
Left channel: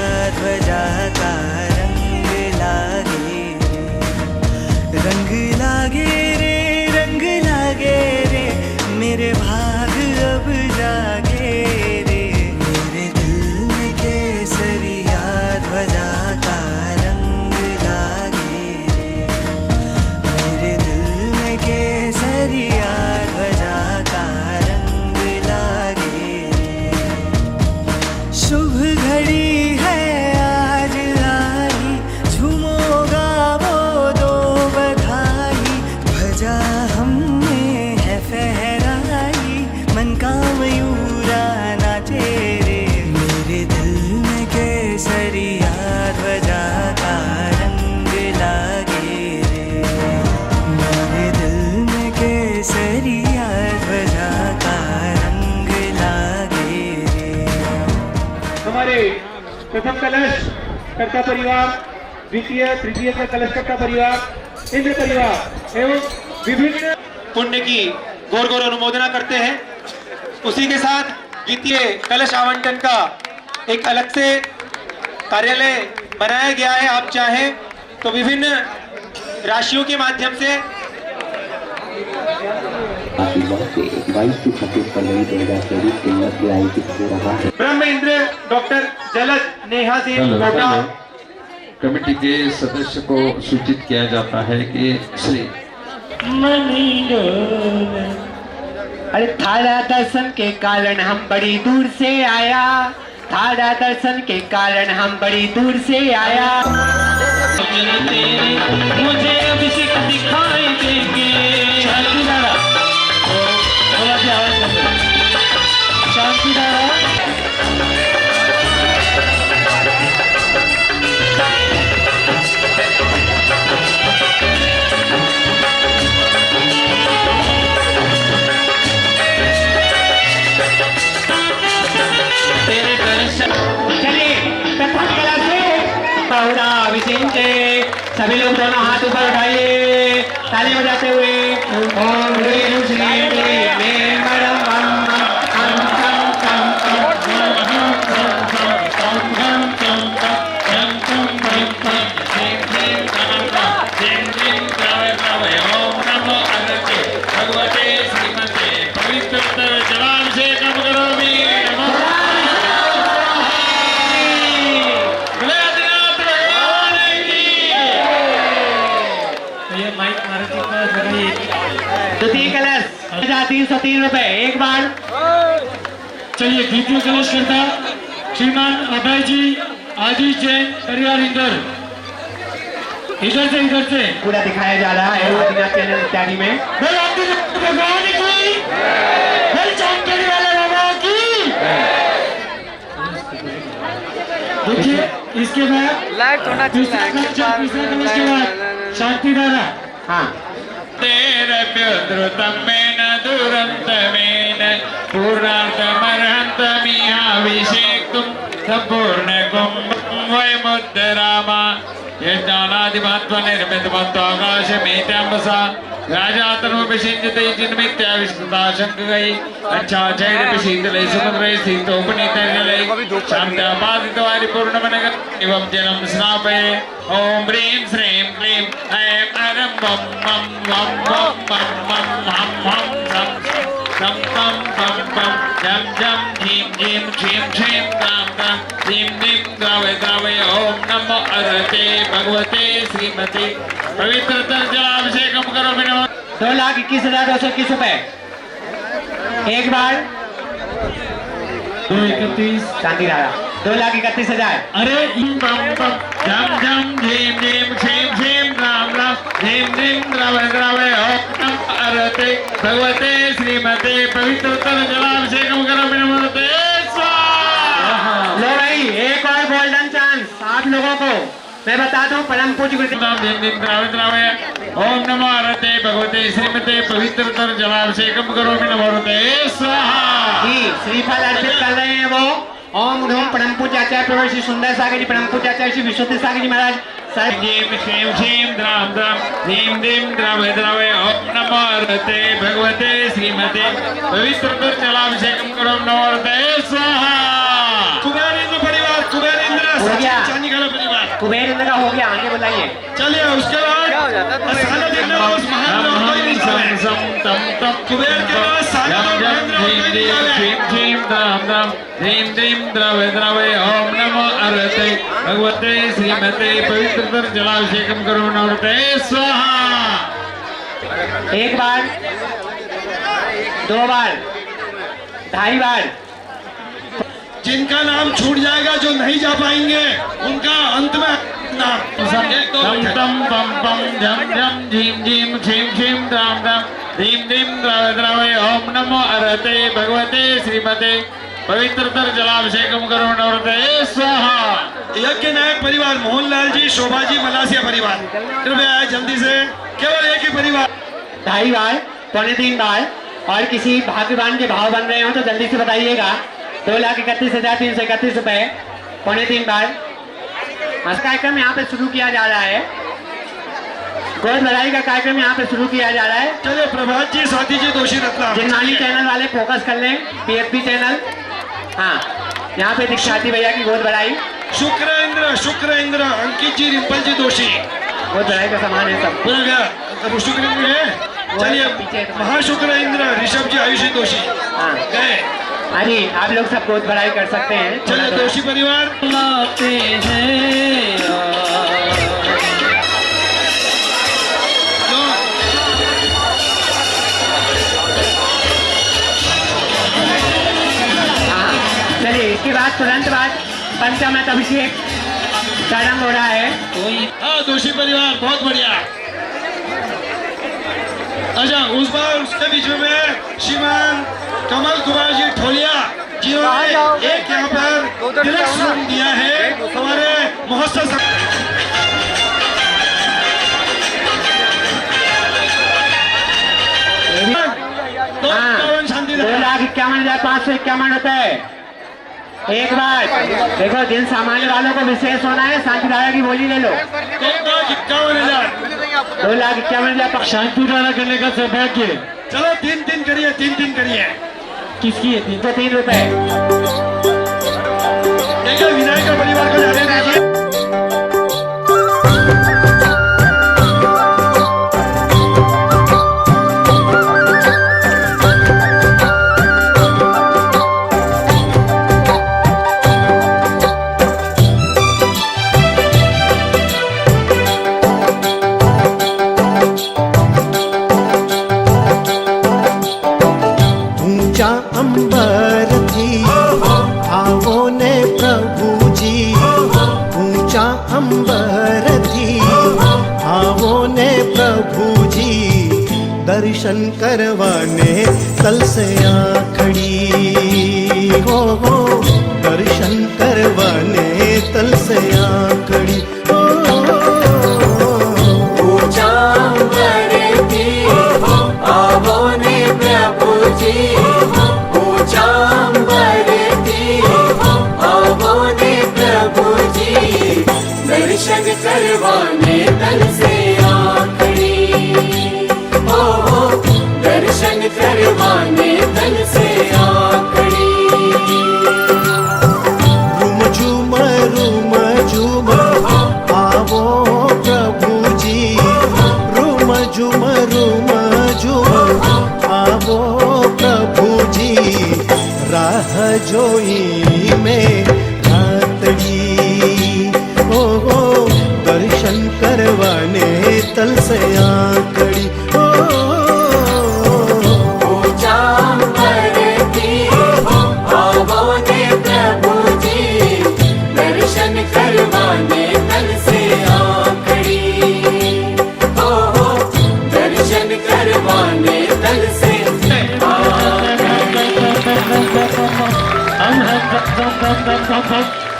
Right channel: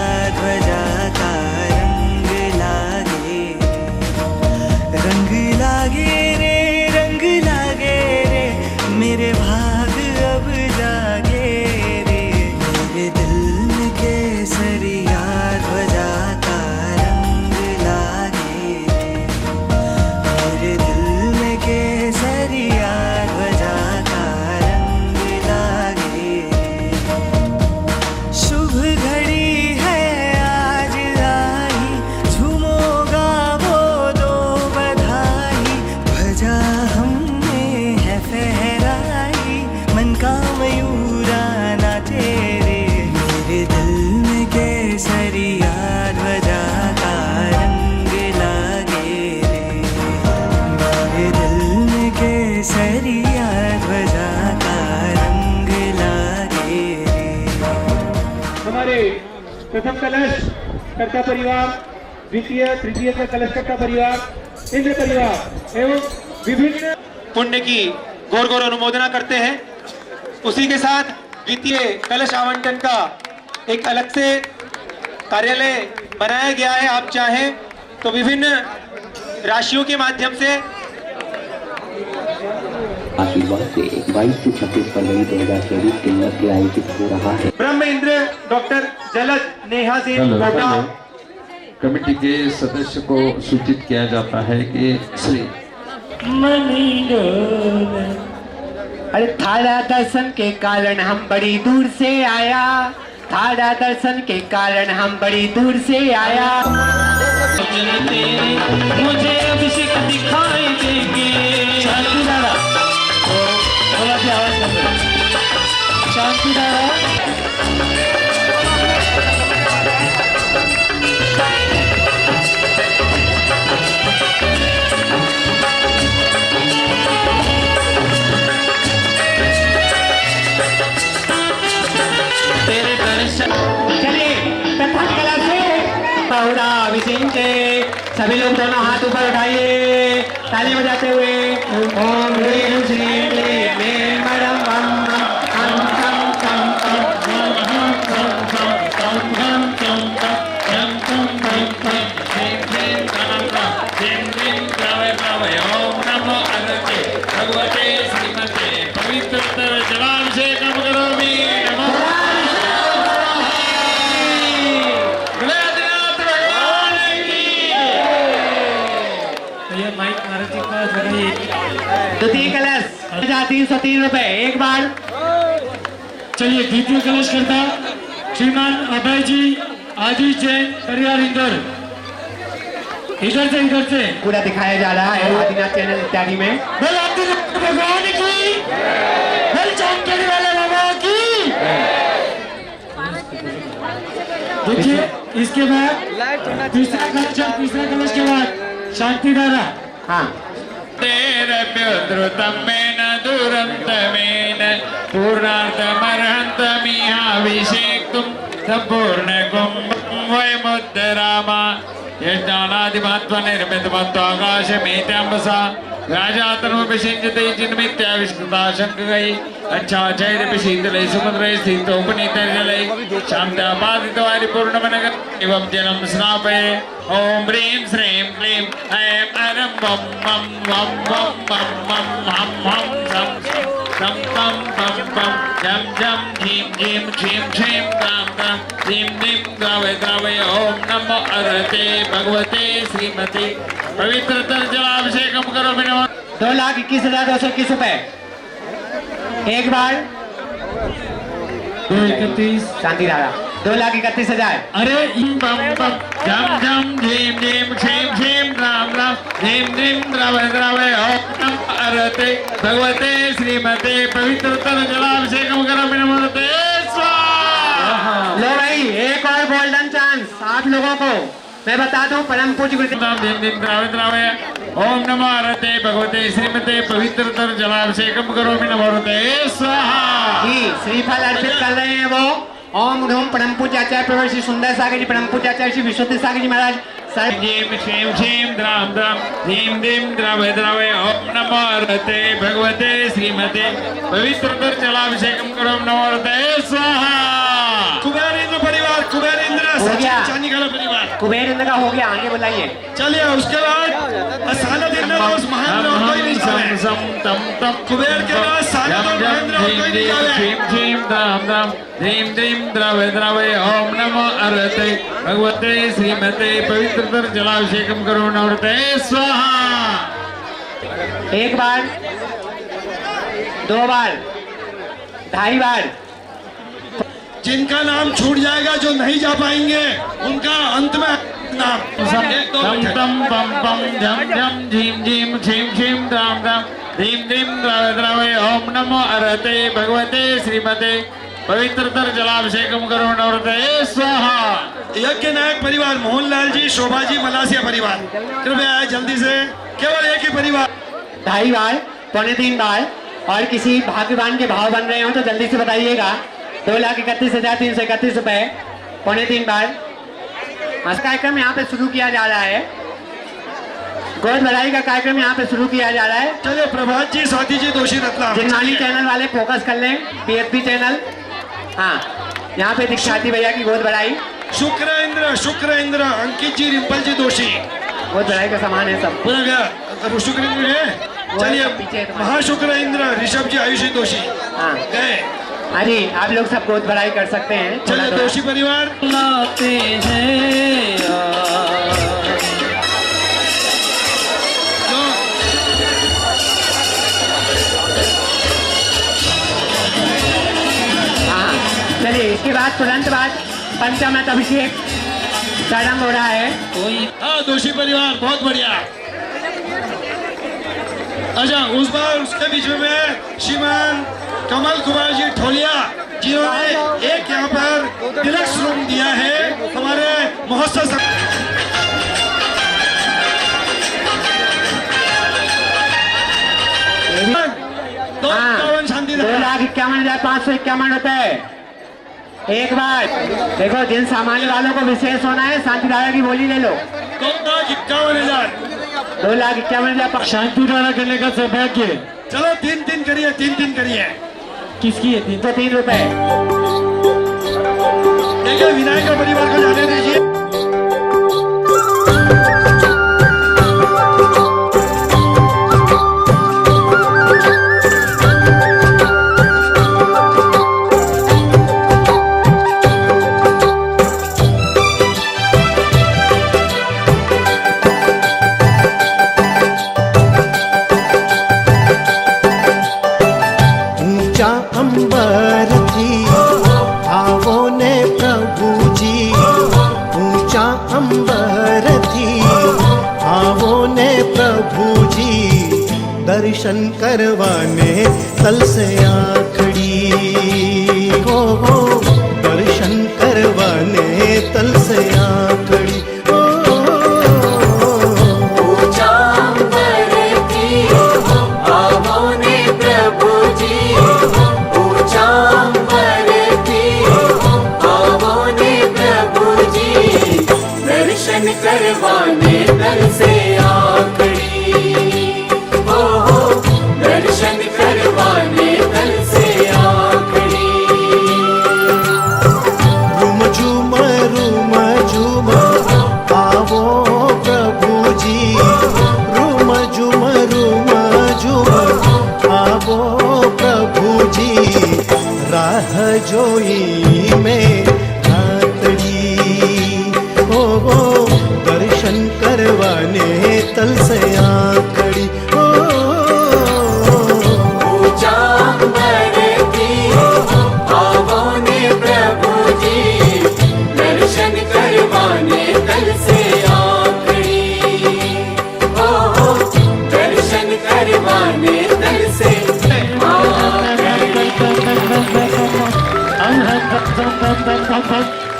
हम में है फहराई, मन का मयूरा नाचे रे। मेरे दिल में केसरिया ध्वजा का रंग लागे रे, मेरे दिल में केसरिया ध्वजा का रंग लागे रे। हमारे प्रथम कलश कर्ता परिवार, द्वितीय तृतीय का कलश कर्ता परिवार, इंद्र परिवार एवं विभिन्न पुण्य की गौर गौर अनुमोदना करते हैं। उसी के साथ द्वितीय कलश आवंटन का एक अलग से कार्यालय बनाया गया है। आप चाहें तो विभिन्न राशियों के माध्यम से आशीर्वाद से 22 से 26 फरवरी 2024 के मध्य आयोजित हो रहा है। ब्रह्म इंद्र डॉक्टर जलद नेहा सिंह कोटा। कमेटी के सदस्य को सूचित किया जाता है कि श्री अरे थारा दर्शन के कारण हम बड़ी दूर से आया, थारा दर्शन के कारण हम बड़ी दूर से आया। मुझे अभिषेक दिखाई देंगे। शांति दादा, थोड़ा सी आवाज कर दो। शांति दादा, सभी लोग दोनों हाथ ऊपर उठाइए, ताली बजाते हुए ओम ह्रीं श्रीं क्लीं क्लीं मरं वं हम कं कं कं हम कं कं कं हम कं कं कं कं कं क्लीं क्लीं कं कं क्लीं क्लीं द्रवय द्रवय ओम नमो अगस्त्य भगवते श्रीमते पवित्रतर जलाभिषेकं करोमि। नमो द्वितीय कलश 303 रुपए एक बार। चलिए द्वितीय कलश करता श्रीमान अभय जी आजीष जैन परिवार इंदौर। इधर से पूरा दिखाया जा रहा है आदिनाथ चैनल इत्यादि में। भगवान की जानकारी वाले बाबा की। देखिए इसके बाद तीसरा कलश के बाद शांति दादा। हाँ, तेरप्योद्रुतमेन दुरन्तमेन पूर्णार्थमर्हन्तमिहाभिषेक्तुं सम्पूर्णकुं वयमुद्धरामा यज्ञानादिमहत्त्वनिर्मितमत्वाकाशमेत्याम्बसा राजातनुभिषिञ्जते जिन्मित्याविष्कृता शङ्कगै अच्छाचैरपि शीतलै सुमद्रै स्थितोपनीतैर्जलै शान्त्यापादितवारिपूर्णमनग एवं जलं स्नापये। ॐ ह्रीं श्रीं क्लीं ऐं अरं वं वं वं वं वं वं हं हं तं तं तं तं तं जं जं झीं झीं क्षीं क्षीं द्रां द्रां ह्रीं ह्रीं द्रावय द्रावय। ॐ नमो अरहते भगवते श्रीमते पवित्रतर जलाभिषेकं करोमि। नमः 2,21,221 रुपए एक बार। 231 शांति दादा 2,31,000। अरे बम बम जम जम झीम झीम क्षीम क्षीम राम राम झीम झीम द्रवय द्रवय ओम नमो अरहते भगवते श्रीमते पवित्रतर जलाभिषेकं करोमि। नमस्ते स्वाहा। लो भाई एक और गोल्डन चांस आप लोगों को मैं बता दूं। परम पूज्य गुरु झीम झीम द्रवय द्रवय ओम नमो अरहते भगवते श्रीमते पवित्रतर जलाभिषेकं करोमि। नमस्ते स्वाहा। जी श्रीफल अर्पित कर रहे हैं वो। ओम धूम परम पूज्य आचार्य प्रवर श्री सुंदर सागर जी, परम पूज्य आचार्य श्री विश्वनाथ सागर जी महाराज। झीम क्षीम क्षीम द्राम द्राम ह्रीं ह्रीं द्रवय द्रवय ओम नमो अरहते भगवते श्रीमते पवित्रतर जलाभिषेकं करोमि। नमस्ते स्वाहा। कुबेर इंद्र परिवार, कुबेर इंद्र हो गया। चांदी का परिवार, कुबेर इंद्र का हो गया, आगे बुलाइए। चलिए उसके बाद सानद इंद्र उस महान और कोई नहीं है। कुबेर के बाद सानद और महेंद्र और कोई नहीं है। क्षीम क्षीम द्राम द्राम ह्रीं ह्रीं द्रवय द्रवय ओम नमो अरहते भगवते श्रीमते पवित्रतर जलाभिषेकं करोमि। नमस्ते स्वाहा। एक बार, दो बार, ढाई बार। जिनका नाम छूट जाएगा, जो नहीं जा पाएंगे, उनका अंत में नाम एक दो तम तम पम पम झम झम झीम झीम छीम छीम राम राम धीम धीम द्रावे ओम नमो अरहते भगवते श्रीमते पवित्रतर जलाभिषेकम करो नवरते स्वाहा। यज्ञ नायक परिवार मोहनलाल जी, शोभा जी, मलासिया परिवार, कृपया आए जल्दी से, केवल एक ही परिवार। 2.5 बार, 3.25 बार और किसी भाग्यवान के भाव बन रहे हो तो जल्दी से बताइएगा। 2,31,331 रुपए, 3.25 बार। आज कार्यक्रम यहाँ पे शुरू किया जा रहा है, गोद भराई का कार्यक्रम यहाँ पे शुरू किया जा रहा है। चलिए प्रभात जी, स्वाति जी, दोषी रत्नाम, जिनवानी चैनल वाले फोकस कर लें, PFP चैनल। हाँ, यहाँ पे दीक्षाती भैया की गोद भराई। शुक्र इंद्र, अंकित जी, रिंपल जी, दोषी, गोद भराई का सामान है सब। पूरा गया, तब शुक्र इंद्र है। चलिए महाशुक्र इंद्र, ऋषभ जी, आयुषी, दोषी, हाँ गए। हाँ जी, आप लोग सब गोद भराई कर सकते हैं। चलिए दोषी परिवार लाते हैं चलिए इसके बाद तुरंत बाद पंचामृत अभिषेक प्रारंभ हो रहा है। हाँ दोषी परिवार, बहुत बढ़िया। अच्छा, उस बार उसके बीच में श्रीमान कमल कुमार जी ठोलिया जिन्होंने एक यहाँ पर तिलक रूम दिया है हमारे महोत्सव। 2,51,551 रुपए। एक बार देखो, जिन सामान्य वालों को विशेष होना है, शांति दादा की बोली ले लो। 2,51,000, 2,51,000 शांति द्वारा करने का सौभाग्य। चलो तीन करिए। किसकी है? 303 रुपए। देखिए विनायक का परिवार को जाने दीजिए। अंबर थी आवो ने प्रभु जी, ऊंचा अंबर थी आवो ने प्रभु जी, दर्शन करवाने तल से आखड़ी हो, दर्शन करवाने तल से आखड़ी हो। आवो प्रभु जी, राह जोई में रातड़ी हो, दर्शन करवाने तल से आकड़ी हो।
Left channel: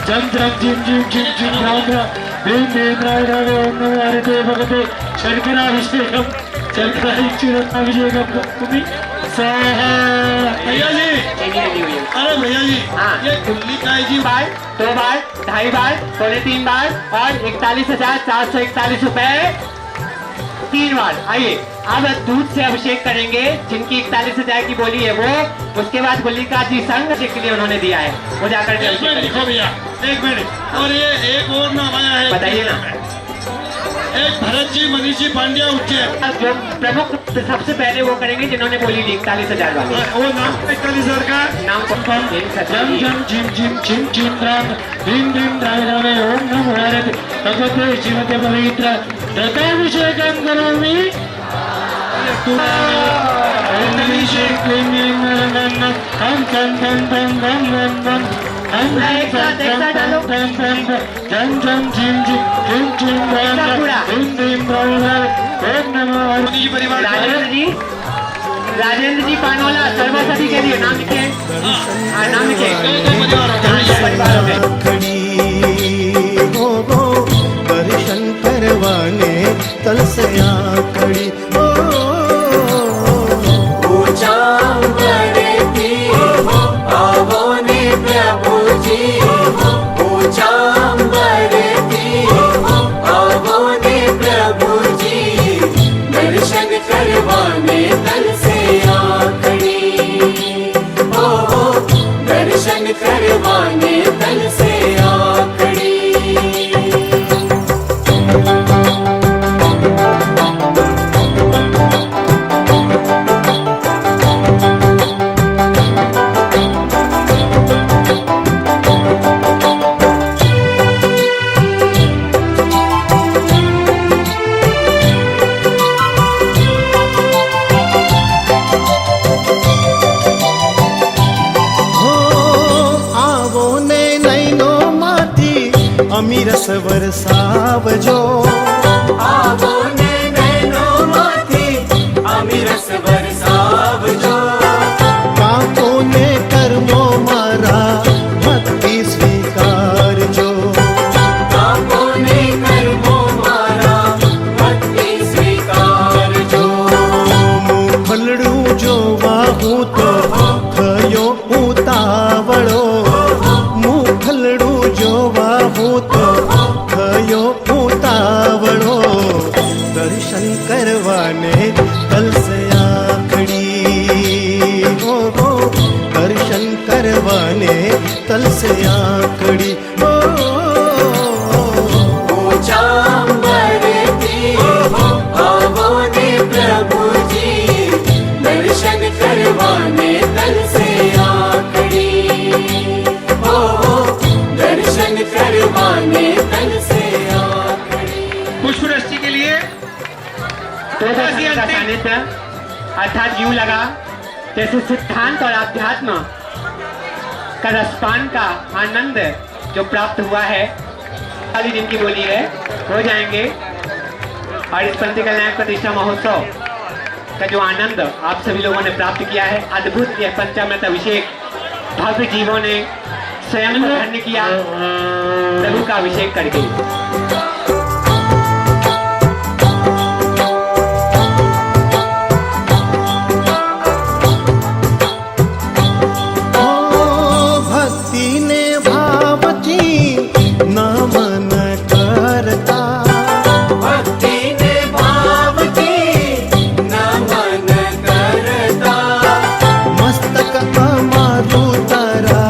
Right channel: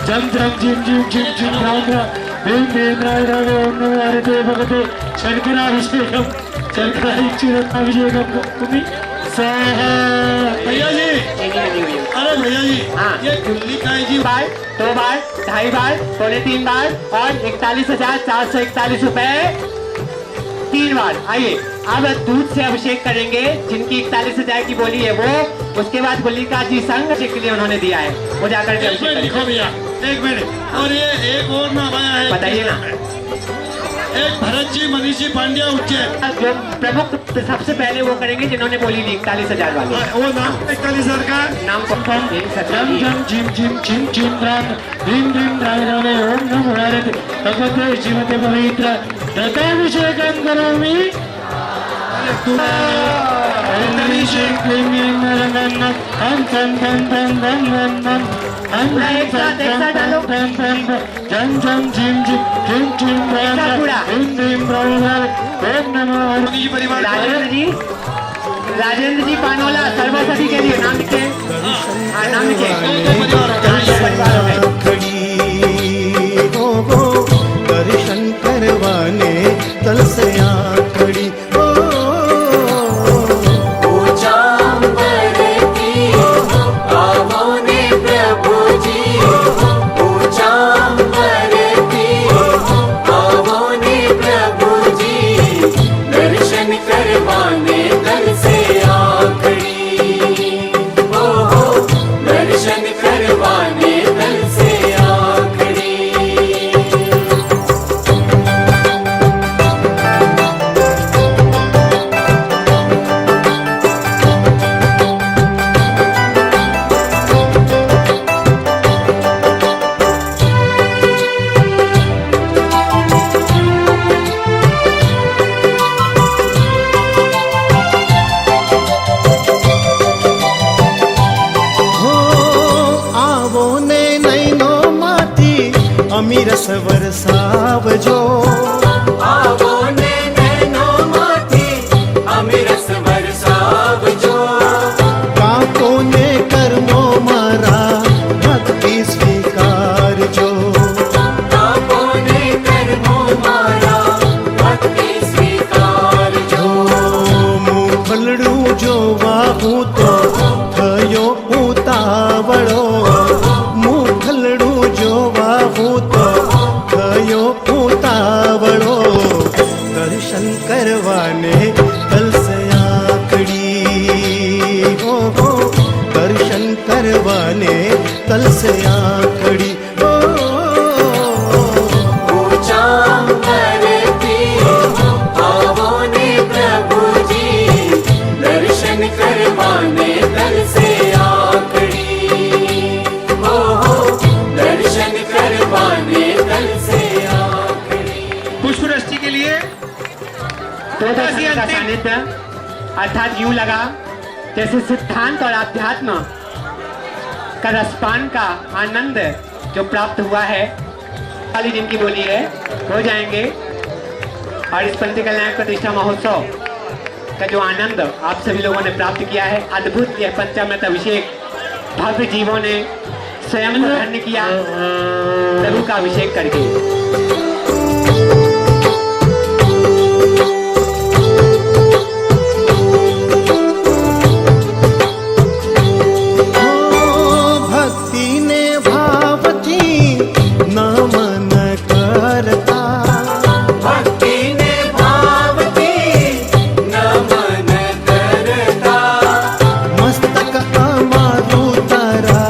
जम जम जिम जिम जिम जिम राम राम भीम भीम राय राम ओम नमो हरते भगते शर्कराभिषेकम शर्कराभिषेकम तुम्ही स्वाहा। भैया जी, अरे भैया जी, ये खुली काय जी? 2 बार, 2.5 बार, 3.25 बार और 41,441 रुपए 3 बार। आइए अब दूध से अभिषेक करेंगे। जिनकी 41,000 की बोली है वो, उसके बाद गुलिका जी संघ के लिए उन्होंने दिया है, वो जाकर के लिखो भैया, 1 मिनट। और ये एक और नाम आया है, बताइए ना। एक भरत जी, मनीष जी पांड्या उज्जैन, जो प्रमुख सबसे पहले वो करेंगे जिन्होंने बोली दी 41,000 वाली। वो नाम 41,000 का नाम जम जम जिम जिम चिम चिम राम भीम भीम राय राम ओम नमो हरते भगवते श्रीमते पवित्र दत्ताभिषेकम करोमि। क्लीं ऐं नरं हम चं चं चं चं चं चं हम एक साथ डालो। चं चं चं चं चं झिं झिं झिं झिं पूरा। हिं हिं ब्रह्म ओम नमः हरि परिवार राजेंद्र जी पानोला सर्वसती के लिए नाम लिखे। हाँ, नाम लिखे। खड़ी हो दर्शन करवाने तल से आखड़ी हो अमीरस वरसावजो आवो ने नैनो माथी अमीरस वरसावजो काको ने कर्मो मारा भक्ति स्वीकारजो काको ने कर्मो मारा भक्ति स्वीकारजो मुखलड़ू जोवा हूँ तो थयो उतावड़ो मुखलड़ू जोवा हूँ तो थयो उतावड़ो दर्शन करवाने तल से आखड़ी हो दर्शन करवाने तल से आखड़ी हो पुष्पवृष्टि के लिए का सानिध्य अर्थात यूं लगा जैसे सिद्धांत और अध्यात्म का रसपान का आनंद जो प्राप्त हुआ है खाली दिन की बोली है हो जाएंगे। और इस पंथी कल्याण प्रतिष्ठा महोत्सव का जो आनंद आप सभी लोगों ने प्राप्त किया है, अद्भुत यह पंचामृत अभिषेक भव्य जीवों ने स्वयं धन्य किया प्रभु का अभिषेक करके। नमन करता भक्ति ने भाव की नमन करता मस्तक अमारु तारा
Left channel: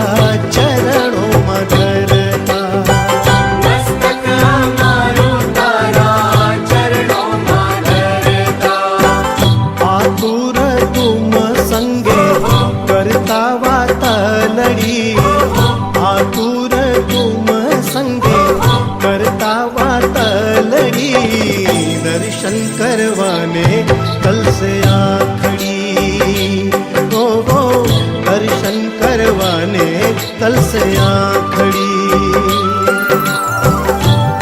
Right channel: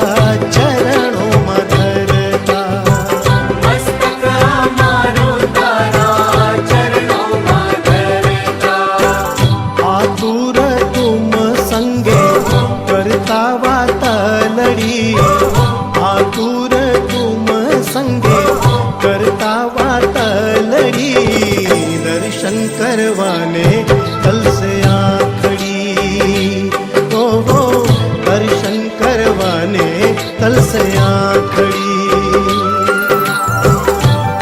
चरणों में धरता मस्तक अमारु तारा चरणों में धरता आतुर तुम संगे करता वातलड़ी आतुर तुम संगे करता वातलड़ी दर्शन करवाने तल से आखड़ी हो दर्शन करवाने तल से आखड़ी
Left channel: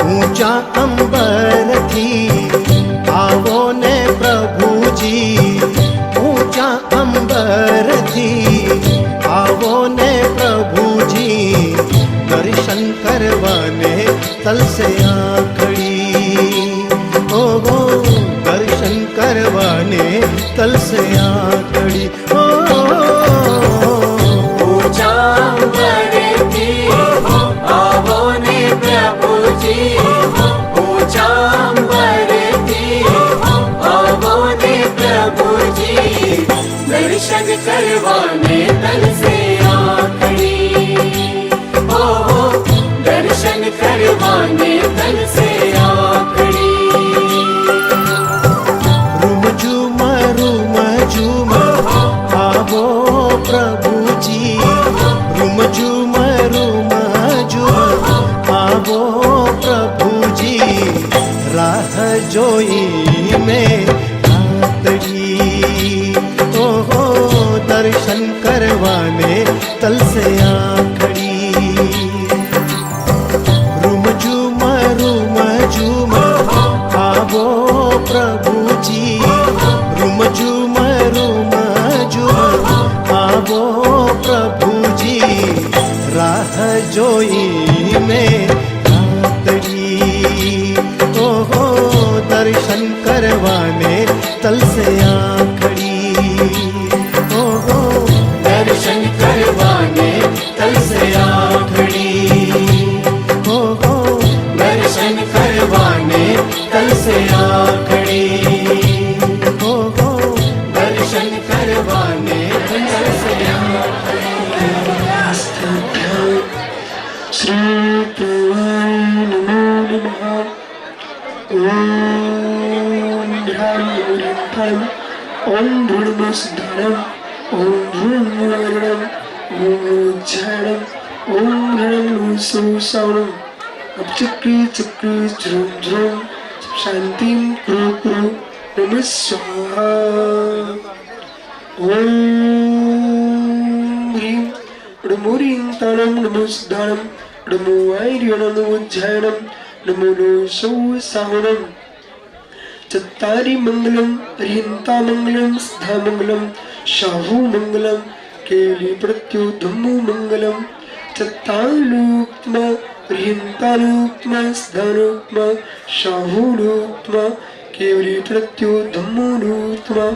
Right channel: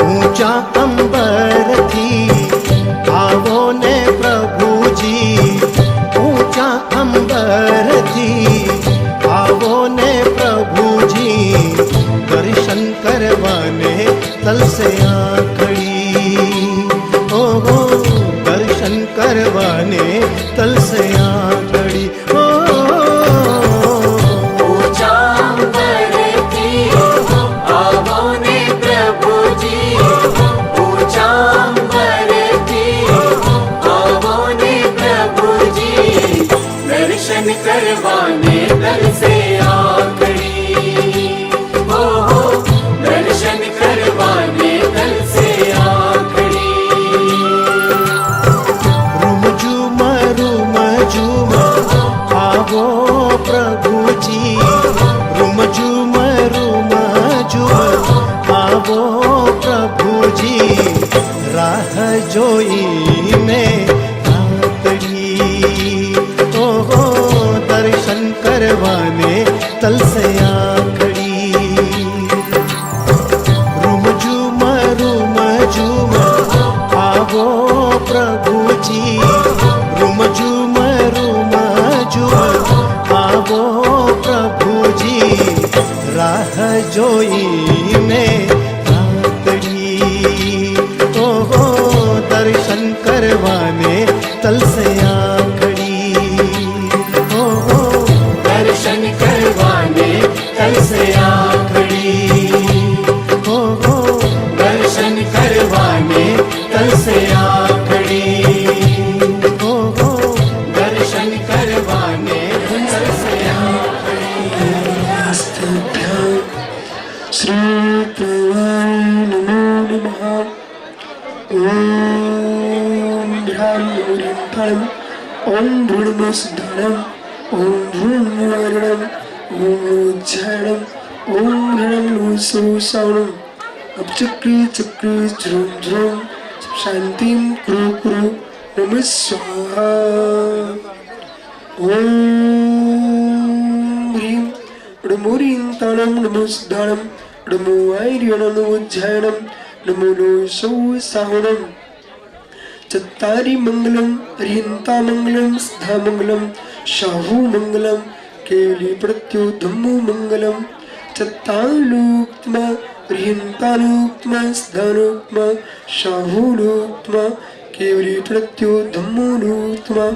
ऊंचा अंबर थी आवो ने प्रभु जी ऊंचा अंबर थी आवो ने प्रभु जी दर्शन करवाने तल से आखड़ी हो दर्शन करवाने तल से आखड़ी हो करवाने तल से आखड़ी हो दर्शन करवाने तल से आखड़ी रुम झूम आवो प्रभु जी रुम झूम आवो प्रभु जी राह जोई में रातड़ी ओ दर्शन करवाने तल से आ खड़ी। रूम झूम आवो प्रभु जी, रूम झूम आवो प्रभु जी, राह जोई में रातड़ी। ओहो दर्शन करवाने तल से आ खड़ी। ओहो दर्शन करवाने तल से आ खड़ी। ओहो दर्शन करवाने तल से आ खड़ी। ओहो दर्शन करवाने तल से आ खड़ी। श्री प्रवाय नमो नमः। ओम ध्यान फलम, ओम भूर्भुवस्सुद्धं, ओम भूर्भुवस्सुद्धं, ओम उज्जयनं, ओम ह्रीं सुसवनं, अपचक्री चक्री ध्रुव ध्रुव, शांतिं कुरु कुरु, नमः स्वाहा। ओम ह्रीं ह्रीं तानं नमो सिद्धानं, नमो ऐर्यनं नमो उज्जयनं, नमो नो सौसावनं। चत्तारि मंगलम, ह्रींता मंगलम, सिद्धा मंगलम, शाहु मंगलम, केली प्रत्युधम्मु मंगलम। चत्तालुक्तम, ह्रींतालुक्तम, सिद्धालुक्तम, शाहुलुक्तम, केवली प्रत्युधम्मु लुक्तम।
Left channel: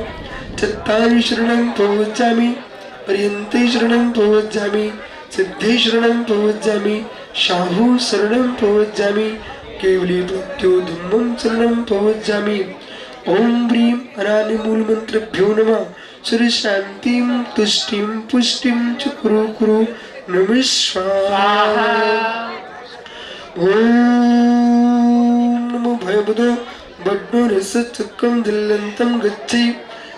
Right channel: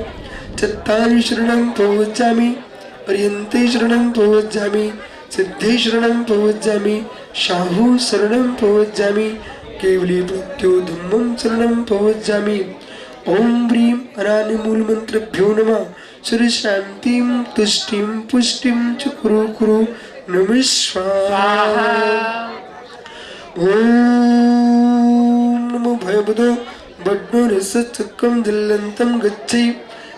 चत्तारि शरणं प्रवज्जामि, ह्रींते शरणं प्रवज्जामि, सिद्धे शरणं प्रवज्जामि, शाहु शरणं प्रवज्जामि, केवली प्रत्युधम्मं शरणं प्रवज्जामि। ओम ह्रीं अनादिमूलमन्त्रभ्यो नमः। श्री शांतिं तुष्टिं पुष्टिं च कुरु कुरु, नमः स्वाहा। ओम नमो भयवदो बड्डो रसचक्रं दिल्लन्तं गच्छै,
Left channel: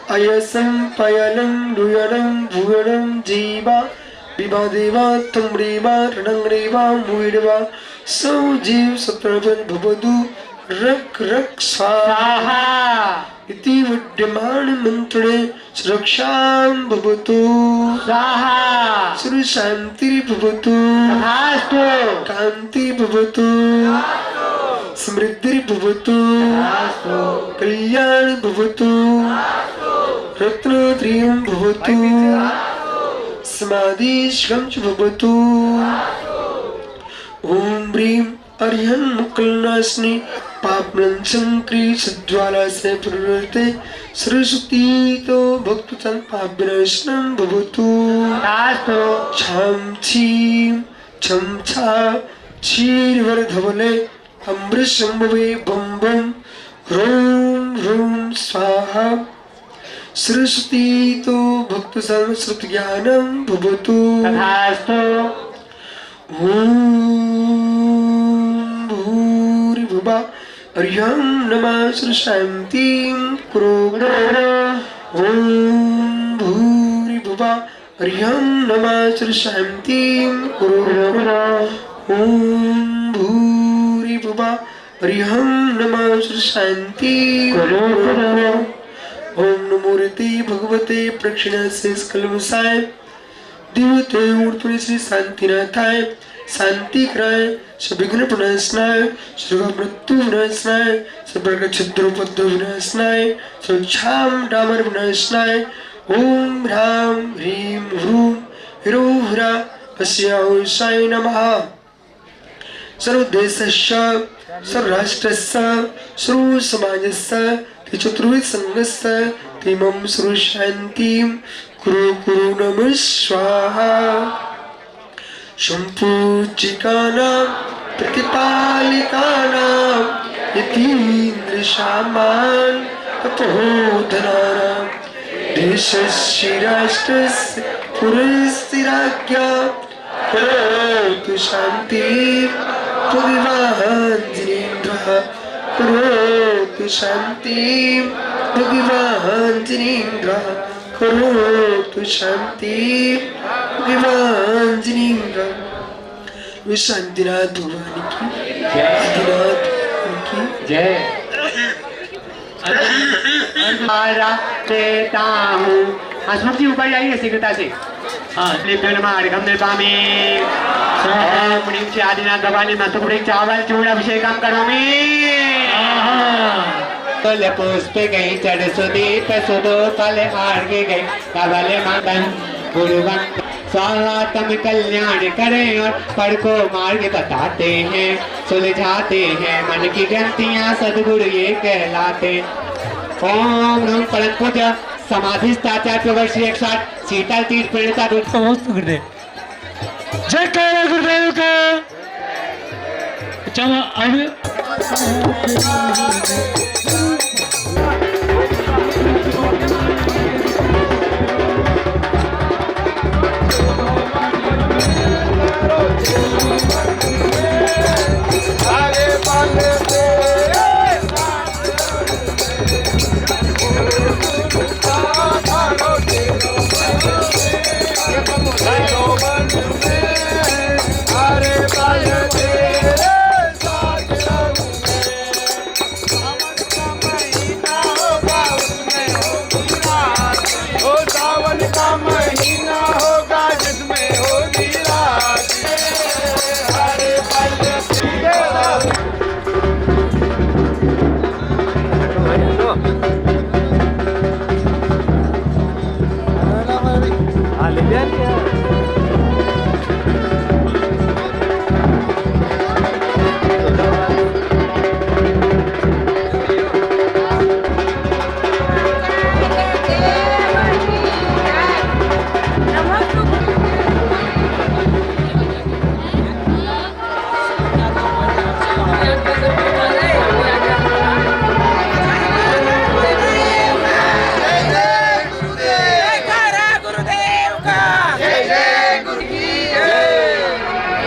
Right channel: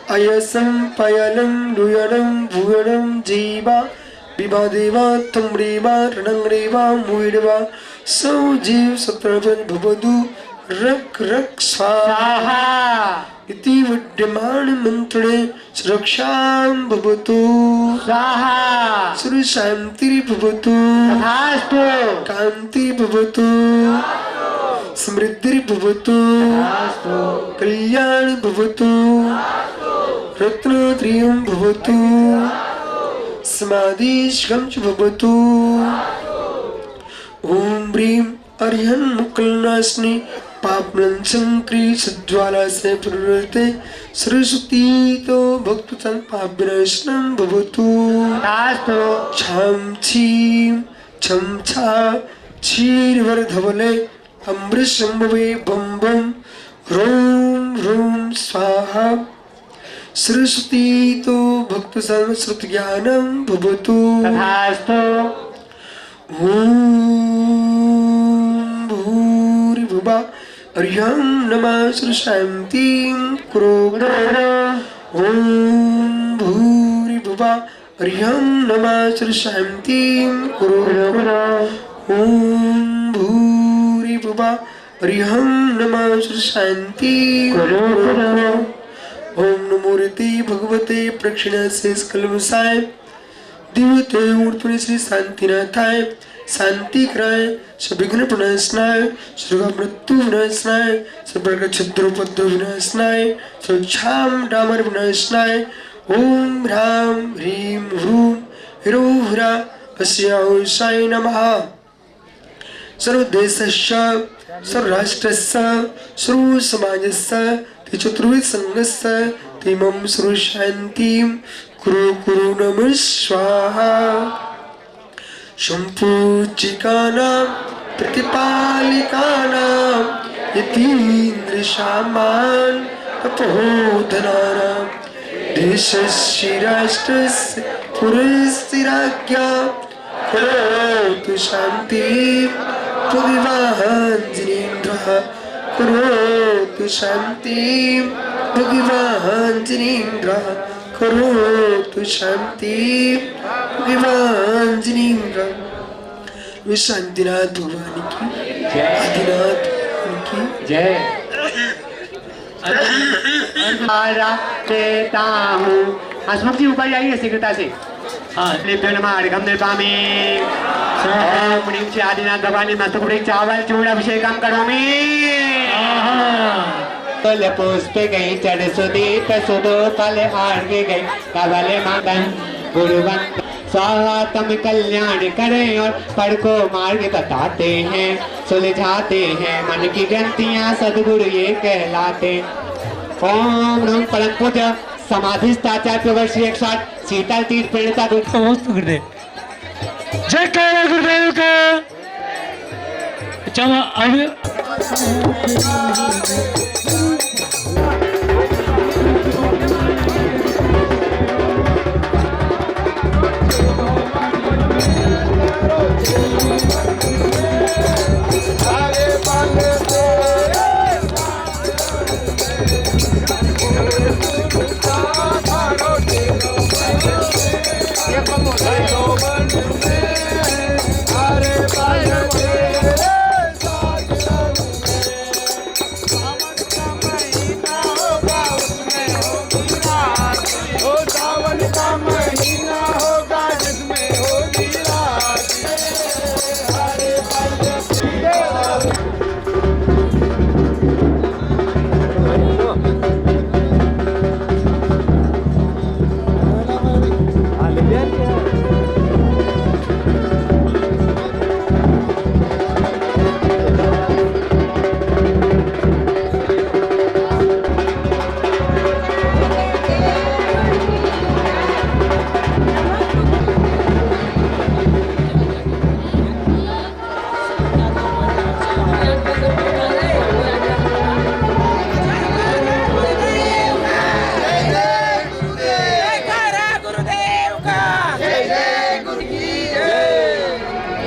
अयसं पयलं दुयनं भुवनं जीवा, विवादेवा तम्रेवा रणंग्रेवा मुइडवा, सौजीव सत्रपन भवदु रक रक स्वाहा। इति विद्यमान मंत्रे सुरक्षां भवतु स्वाहा। श्री शांति भवतु तथास्तु, कांति भवतु समृद्धि भवतु कल्याण भवतु रत्नत्रयं भवतु समाधिश्रम च भवतु। ओम ह्रीं अर्यं मुकुलनाशिनी पापनाशंकरी सज्ज्वाला से प्रवृत्ते सरस्वती तो भक्तजन पापविनाशनं भवतु। छाम छीम छम छा क्षीरवर धवले अमृतशंभवे बम बम ह्रूम ह्रूम स्वाहा। सरस्वती तो भक्त संस्कृत ज्ञानं भवतु। ओम भूरिभुवा अर्यं नमः श्री शांतिं कुरु। ओम भूरिभुवा अर्यं नमः श्री शांतिं कुरु। ओम भूरिभुवा अर्यं नमः श्री शांतिं कुरु। ओम नमो रीति भगवते प्रक्षिणा कलमसाय, दिव्यते ऊर्ध्वनि श्री शांतिनाथाय, शांति कराय, सविघ्न प्रणाशनाय, सर्व मृत्यु विनाशनाय, सर्व छिद्रोपद्रव विनाशनाय, स्वच्छाम डामर विनाशनाय। ओम ह्रां ह्रीं ह्रूं ह्रो ह्रा पश्याहुषाय नमः। सर्वदेशस्य सर्वराष्ट्रस्य सर्वसमाजस्य चतुर्विध संघस्य तिमं सर्वशान्तिं कुरु कुरु, नमः स्वाहा। सम्पूज्यकानां प्रतिपालिकानां यतीन्द्रसामान् तपोधनानां देशस्य राष्ट्रस्य पुरस्य राज्ञा करोतु शान्तिं भगवान् जिनेन्द्रः। करोतु शान्तिं भगवान् जिनेन्द्रः। करोतु शान्तिं भगवान् जिनेन्द्रः। शांतिनाथ भगवान की, आदिनाथ भगवान की जय। देता हूँ हसमुख जी ऊपर जाइए शीघ्रता से। हाँ लिप्यो नमः अर्घम निर्पामि ओम ह्रीं श्री आदिनाथ भगवान मस्तुपुरी चावल चूर्ण अभिषेकम करोमि। फल पुष्प गई चढ़ सुदीप सुदो फल हार गई कवल मगन गुरुवन स्वागतम कल्याण करें और पढ़ को मार्ग बताते हैं सुलझाते हैं मन की ग्रंथियां सदगुरु ये कहलाते। ओम नम परम पूज्य समाधिस्थाचार्य वर्ष 160 शीतल तीर्थ प्रणीता गुरुदेव। जय करो गुरुदेव का। चलो अब